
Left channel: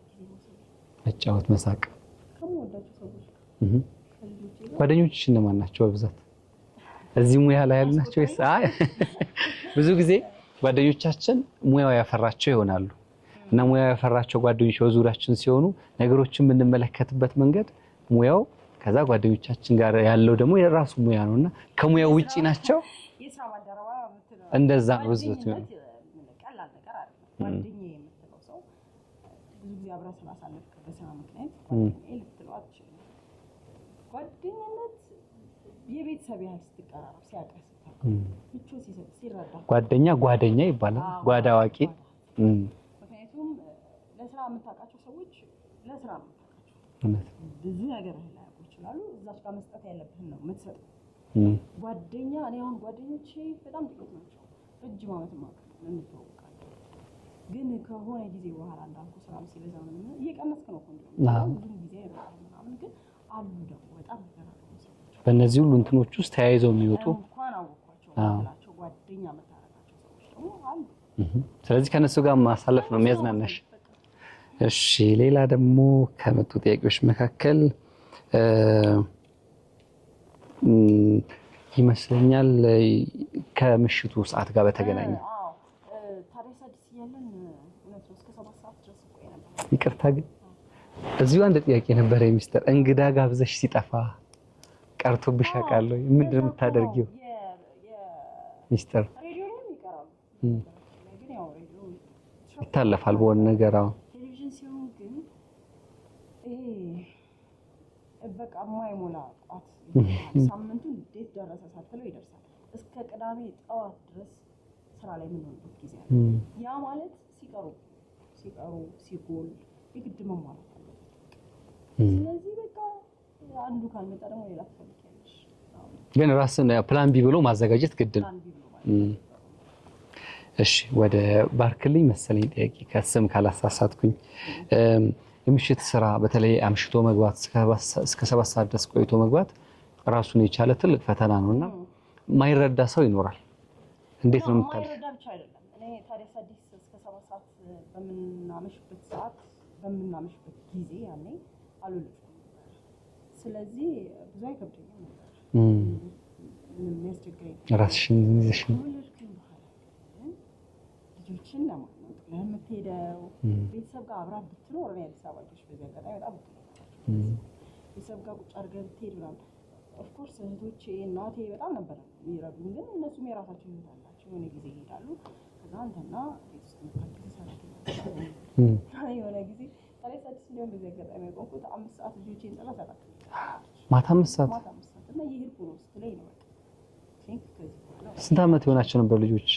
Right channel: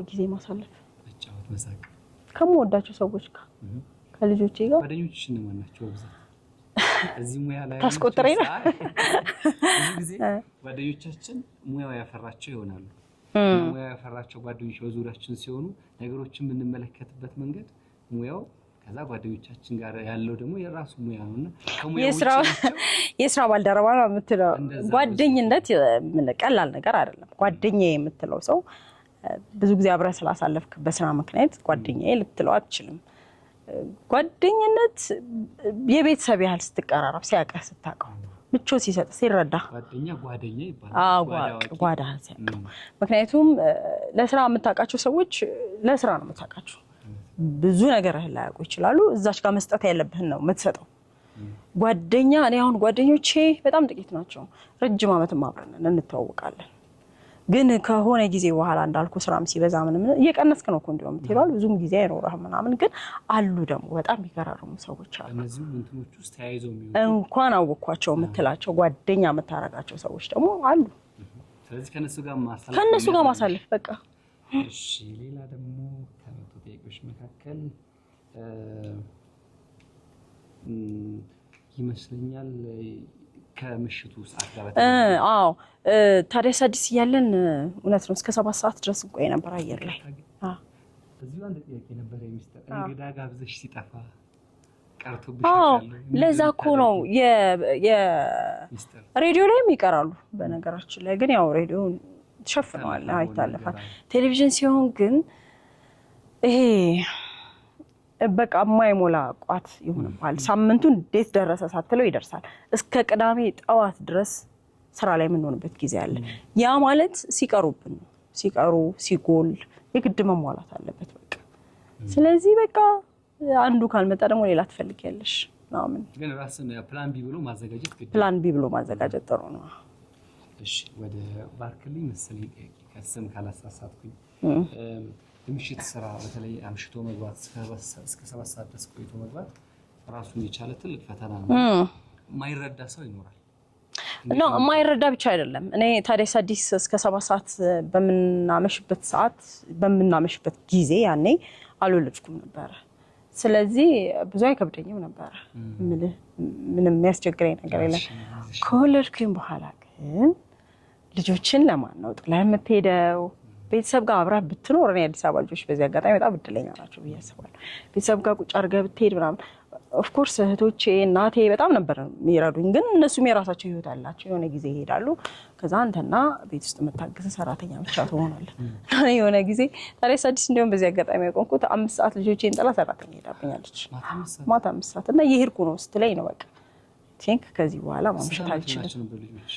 ጊዜ ማሳለፍ፣ መጫወት፣ መሳቅ ከምወዳቸው ሰዎች ጋር ከልጆቼ ጋር። ጓደኞችሽ እነማን ናቸው በብዛት እዚህ ሙያ ላይ ያሉ? ብዙ ጊዜ ጓደኞቻችን ሙያው ያፈራቸው ይሆናሉ እና ሙያው ያፈራቸው ጓደኞች በዙሪያችን ሲሆኑ ነገሮችን የምንመለከትበት መንገድ ሙያው ከዛ ጓደኞቻችን ጋር ያለው ደግሞ የራሱ ሙያ ነውና ከሙያው ውጪ ናቸው። የስራ ባልደረባ ነው የምትለው ጓደኝነት ቀላል ነገር አይደለም። ጓደኛዬ የምትለው ሰው ብዙ ጊዜ አብረን ስላሳለፍክ በስራ ምክንያት ጓደኛዬ ልትለው አትችልም። ጓደኝነት የቤተሰብ ያህል ስትቀራረብ፣ ሲያቀህ፣ ስታውቀው፣ ምቾት ሲሰጥ፣ ሲረዳ ጓደኛ ይባላል። ጓዳዋቂ ምክንያቱም ለስራ የምታውቃቸው ሰዎች ለስራ ነው የምታውቃቸው። ብዙ ነገር ላያውቁ ይችላሉ። እዛች ጋር መስጠት ያለብህን ነው የምትሰጠው። ጓደኛ እኔ አሁን ጓደኞቼ በጣም ጥቂት ናቸው። ረጅም ዓመትም አብረን እንተዋወቃለን። ግን ከሆነ ጊዜ በኋላ እንዳልኩ ስራም ሲበዛ ምንም እየቀነስክ ነው እኮ እንደውም ይላል። ብዙም ጊዜ አይኖርህም ምናምን። ግን አሉ ደግሞ በጣም የሚገራርሙ ሰዎች አሉ። በእነዚህ ሁሉ እንትኖች ውስጥ ተያይዘው የሚወጡ እንኳን አወቅኳቸው የምትላቸው ጓደኛ የምታረጋቸው ሰዎች ደግሞ አሉ። ስለዚህ ከነሱ ጋር ማሳለፍ በቃ። እሺ፣ ሌላ ደግሞ ከመጡ ጥያቄዎች መካከል ይመስለኛል ከምሽቱ ሰዓት ጋር በተገናኘ ታዲያስ አዲስ እያለን እውነት ነው እስከ 7 ሰዓት ድረስ እንቆይ ነበር። ይቅርታ ግን እዚሁ አንድ ጥያቄ ነበር። የሚስተር እንግዳ ጋብዘሽ ሲጠፋ ቀርቶብሽ ያውቃል? ለዛ እኮ ነው የሚስተር ሬዲዮ ላይም ይቀራሉ። በነገራችን ላይ ግን ያው ሬዲዮ ተሸፍኗል በሆነ ነገር። ቴሌቪዥን ሲሆን ግን ይሄ በቃ የማይሞላ ቋት ይሆናል። ሳምንቱ እንዴት ደረሰ ሳትለው ይደርሳል። እስከ ቅዳሜ ጠዋት ድረስ ስራ ላይ የምንሆንበት ጊዜ አለ። ያ ማለት ሲቀሩብን ሲጎል የግድ መሟላት አለበት በቃ። ስለዚህ በቃ አንዱ ካልመጣ ደግሞ ሌላ ትፈልጊያለሽ ምናምን። ግን ራስን ፕላን ቢ ብሎ ማዘጋጀት ግድ። ፕላን ቢ ብሎ ማዘጋጀት ጥሩ ነው። እሺ፣ ወደ ባርክልኝ መሰለኝ ጥያቄ ከስም ካላሳሳትኩኝ። የምሽት ስራ በተለይ አምሽቶ መግባት እስከ 7 ሰዓት ድረስ ቆይቶ መግባት ራሱን የቻለ ትልቅ ፈተና ነው። ማይረዳ ሰው ይኖራል። ነው የማይረዳ ብቻ አይደለም። እኔ ታዲያስ አዲስ እስከ 7 ሰዓት በምናመሽበት ጊዜ ያኔ አልወለድኩም ነበረ። ስለዚህ ብዙ አይከብደኝም ነበረ። ምንም የሚያስቸግረኝ ነገር የለም። ከወለድኩኝ በኋላ ግን ልጆችን ለማን ነው ጥላ የምትሄደው? ቤተሰብ ጋር አብረህ ብትኖር፣ እኔ አዲስ አበባ ልጆች በዚህ አጋጣሚ በጣም እድለኛ ናቸው ብዬ አስባለሁ። ቤተሰብ ጋር ቁጭ አድርገህ ብትሄድ ምናምን ኦፍኮርስ እህቶቼ እናቴ በጣም ነበር የሚረዱኝ። ግን እነሱም የራሳቸው ህይወት አላቸው። የሆነ ጊዜ ይሄዳሉ። ከዛ አንተና ቤት ውስጥ የምታግዝ ሰራተኛ ብቻ ትሆናለህ። የሆነ ጊዜ ታዲያስ አዲስ እንዲሁም በዚህ አጋጣሚ ያቆምኩት 5 ሰዓት ልጆቼን ጥላ ሰራተኛ ሄዳብኛለች። ማታ 5 ሰዓት እና እየሄድኩ ነው ስትለኝ ነው በቃ ቲንክ ከዚህ በኋላ ስንት ዓመት ሆናቸው ነበር ልጆች?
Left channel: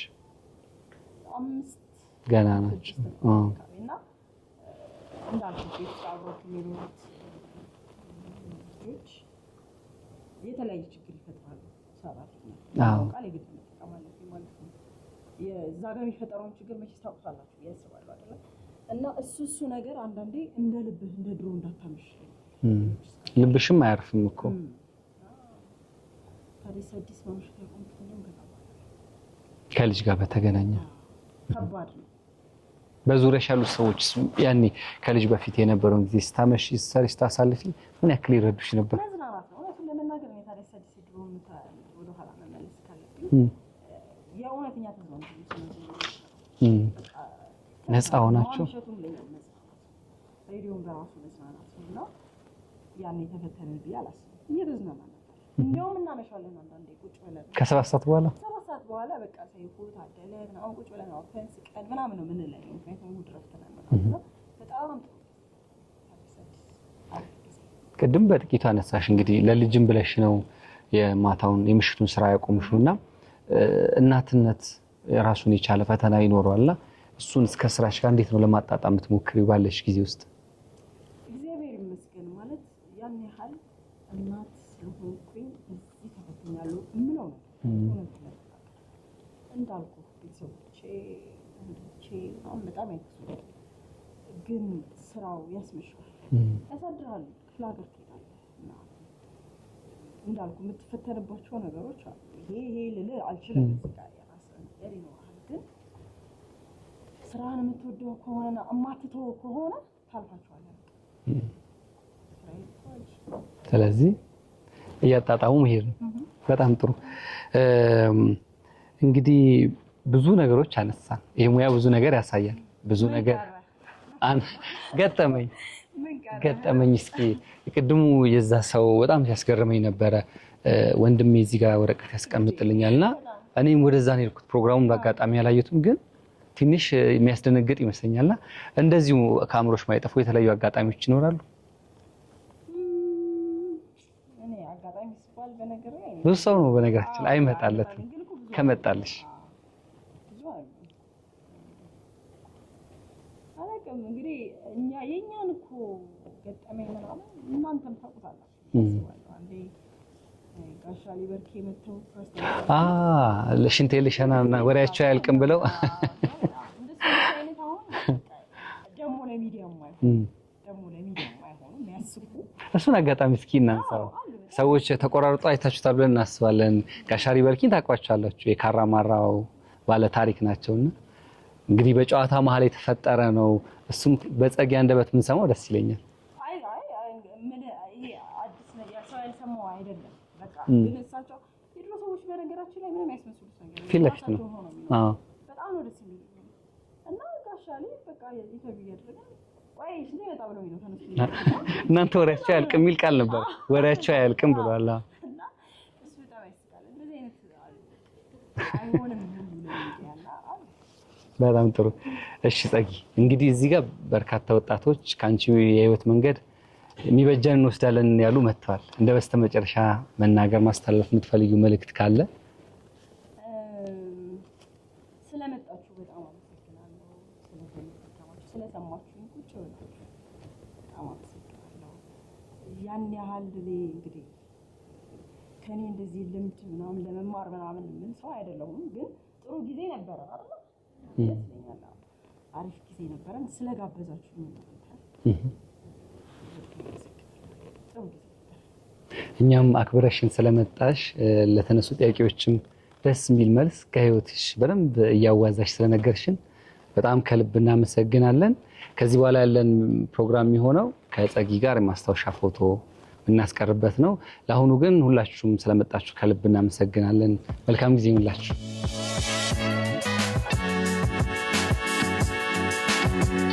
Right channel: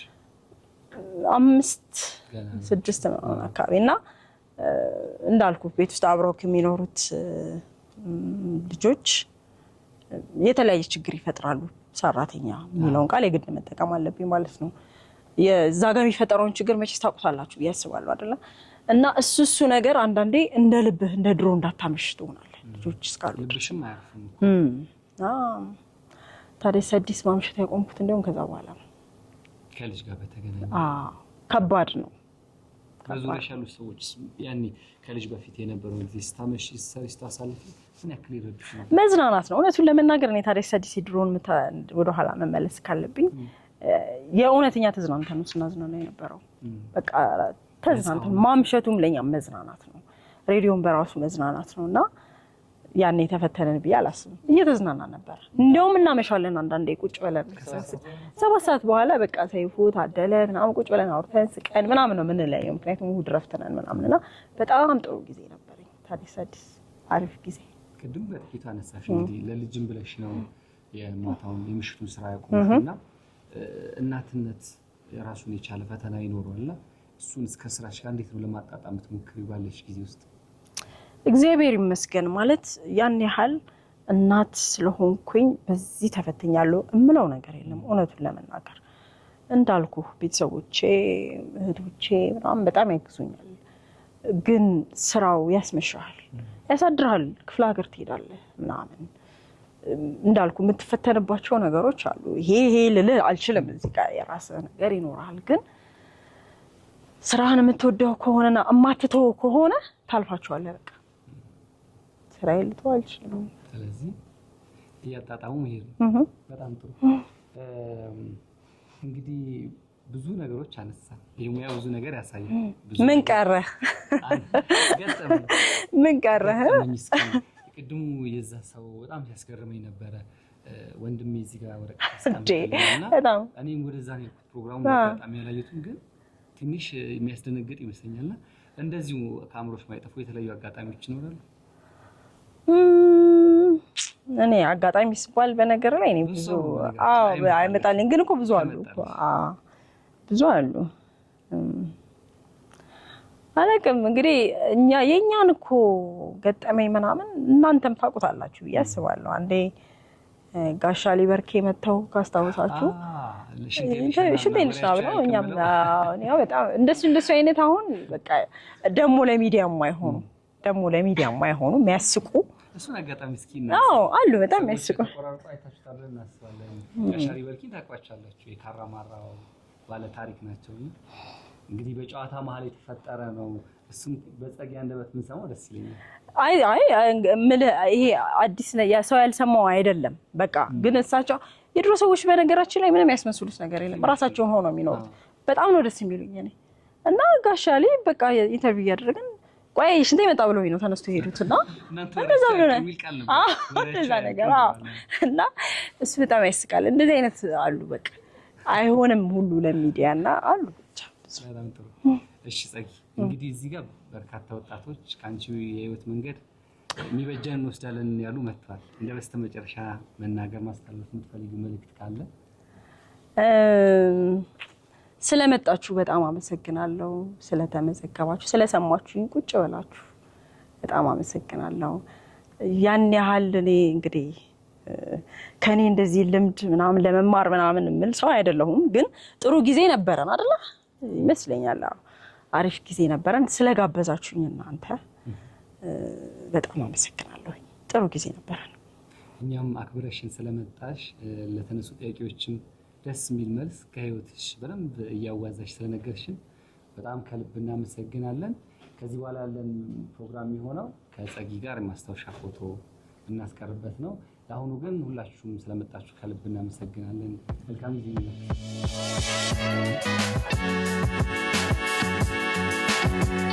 5 ገና 6 ነው አካባቢ። እና እንዳልኩ ቤት ውስጥ አብረው የሚኖሩት ልጆች የተለያየ ችግር ይፈጥራሉ። ሰራተኛ የሚለውን ቃል የግድ መጠቀም አለብኝ ማለት ነው። የዛ ጋር የሚፈጠረውን ችግር መቼስ ታውቁታላችሁ ብዬ አስባለሁ አይደለ? እና እሱ ነገር አንዳንዴ እንደ ልብህ እንደ ድሮ እንዳታመሽ ትሆናለህ። ልጆች እስካሉ ልብሽም አያርፍም እኮ። ታዲያስ አዲስ ማምሸት ያቆምኩት እንደውም ከዛ በኋላ ነው። ከልጅ ጋር በተገናኘ ከባድ ነው። በዙሪያሽ ያሉ ሰዎች ያኔ ከልጅ በፊት የነበረውን ጊዜ ስታመሽ ስታሳልፊ ምን ያክል ይረዱሽ ነበር? መዝናናት ነው እውነቱን ለመናገር። እኔ ታዲያስ አዲስ ድሮን ወደ ኋላ መመለስ ካለብኝ የእውነተኛ ተዝናንተን ነው ስናዝናና የነበረው። በቃ ማምሸቱም ለኛ መዝናናት ነው። ሬዲዮን በራሱ መዝናናት ነው። እና ያኔ ተፈተነን ብዬ አላስብም። እየተዝናና ነበር። እንደውም እናመሻለን አንዳንዴ ቁጭ ብለን ከ7 ሰዓት በኋላ በቃ ሰይፉ ታደለ ምናምን ቁጭ ብለን አውርተን ስቀን ምናምን ነው የምንለየው። ምክንያቱም እሑድ ረፍት ነን ምናምን። እና በጣም ጥሩ ጊዜ ነበረኝ ታዲያስ አዲስ። አሪፍ ጊዜ። ቅድም በጥቂቱ አነሳሽ እንግዲህ ለልጅም ብለሽ ነው የማታውን የምሽቱን ስራ ያቆምሽና እናትነት ራሱን የቻለ ፈተና ይኖረዋልና እሱን እስከ ስራሽ ጋር እንዴት ነው ለማጣጣም የምትሞክሪው ባለሽ ጊዜ ውስጥ? እግዚአብሔር ይመስገን ማለት ያን ያህል እናት ስለሆንኩኝ በዚህ ተፈተኛለሁ እምለው ነገር የለም። እውነቱን ለመናገር እንዳልኩ ቤተሰቦቼ እህቶቼ ምናምን በጣም ያግዙኛል። ግን ስራው ያስመሻል፣ ያሳድራል፣ ክፍለ ሀገር ትሄዳለህ ምናምን እንዳልኩ የምትፈተንባቸው ነገሮች አሉ። ይሄ ልልህ አልችልም። እዚህ ጋር የራስህ ነገር ይኖራል። ግን ስራህን የምትወደው ከሆነና እማትተው ከሆነ ታልፋቸዋለህ። በቃ ስራዬን ልተው አልችልም። ስለዚህ እያጣጣሙ መሄድ ነው። በጣም ጥሩ። እንግዲህ ብዙ ነገሮች አነሳን። ይሄ ሙያ ብዙ ነገር ያሳያል። ብዙ ምን ቀረ? ገጠመኝ ምን ቀረ? ገጠመኝ እስኪ ቅድሙ የዛ ሰው በጣም ሲያስገርመኝ ነበረ። ወንድሜ እዚህ ጋር ወረቀት ያስቀምጥልኛልና እኔም ወደዛ ነው የሄድኩት። ፕሮግራሙን በአጋጣሚ ያላየሁትም ግን ትንሽ የሚያስደነግጥ ይመስለኛልና እንደዚሁ ከአእምሮሽ ማይጠፉ የተለያዩ አጋጣሚዎች ይኖራሉ? እኔ አጋጣሚ ሲባል በነገር ላይ እኔ ብዙ ነው በነገራችን ላይ አይመጣልኝ። ግን እኮ ብዙ አሉ፣ ብዙ አሉ። አላውቅም እንግዲህ የኛን እኮ ገጠመኝ ምናምን እናንተም ታውቁታላችሁ ብዬ አስባለሁ። አንዴ ጋሻ ሊበርኬ መተው ካስታውሳችሁ ለሽንቴ ለሽናና ወሬያቸው ያልቅም ብለው በጣም እንደሱ አይነት አሁን በቃ ደሞ ለሚዲያ የማይሆኑ የሚያስቁ እሱን አጋጣሚ እስኪ እናንሳ። አሉ በጣም ሰዎች ተቆራርጦ አይታችሁታል ብለን እናስባለን። ጋሻ ሊበርኬን ታውቋቸዋላችሁ። የካራማራው ባለ ታሪክ ናቸውና እንግዲህ በጨዋታ መሀል የተፈጠረ ነው። እሱም በጸጊ አንደበት ምን ሰማው ደስ ይለኛል። ይሄ አዲስ ሰው ያልሰማው አይደለም። በቃ ግን እሳቸው የድሮ ሰዎች በነገራችን ላይ ምንም ያስመስሉት ነገር የለም። ራሳቸውን ሆነው የሚኖሩ በጣም ነው ደስ የሚሉኝ እኔ እና ጋሻ ላይ በቃ ኢንተርቪው እያደረግን ቆይ ሽንቴ መጣ ብለው ነው ተነስቶ ሄዱትና እናንተ ወሬያቸው ያልቅም የሚል ቃል ነበር። ወሬያቸው ያልቅም ብለዋል እና እሱ በጣም ያስቃል። እንደዚህ አይነት አሉ። በቃ አይሆንም ሁሉ ለሚዲያና አሉ። በጣም ጥሩ። እሺ ጸጊ፣ እንግዲህ እዚህ ጋር በርካታ ወጣቶች ካንቺ የህይወት መንገድ የሚበጀን እንወስዳለን ያሉ መጥተዋል። እንደ በስተመጨረሻ መናገር ማስተላለፍ የምትፈልጊው መልእክት ካለ? ስለመጣችሁ በጣም አመሰግናለሁ። ስለተመዘገባችሁ፣ ስለሰማችሁኝ ቁጭ ብላችሁ በጣም አመሰግናለሁ። ያን ያህል እኔ እንግዲህ ከኔ እንደዚህ ልምድ ምናምን ለመማር ምናምን የምል ሰው አይደለሁም። ግን ጥሩ ጊዜ ነበረን አይደለ? ይመስለኛል አሪፍ ጊዜ ነበረን። ስለጋበዛችሁኝ እናንተ በጣም አመሰግናለሁ። ጥሩ ጊዜ ነበረን። እኛም አክብረሽን ስለመጣሽ ለተነሱ ጥያቄዎችም ደስ የሚል መልስ ከህይወትሽ በደንብ እያዋዛሽ ስለነገርሽን በጣም ከልብ እናመሰግናለን። ከዚህ በኋላ ያለን ፕሮግራም የሚሆነው ከጸጊ ጋር የማስታወሻ ፎቶ እናስቀርበት ነው። ለአሁኑ ግን ሁላችሁም ስለመጣችሁ ከልብ እናመሰግናለን። መልካም ጊዜ ይሁንላችሁ።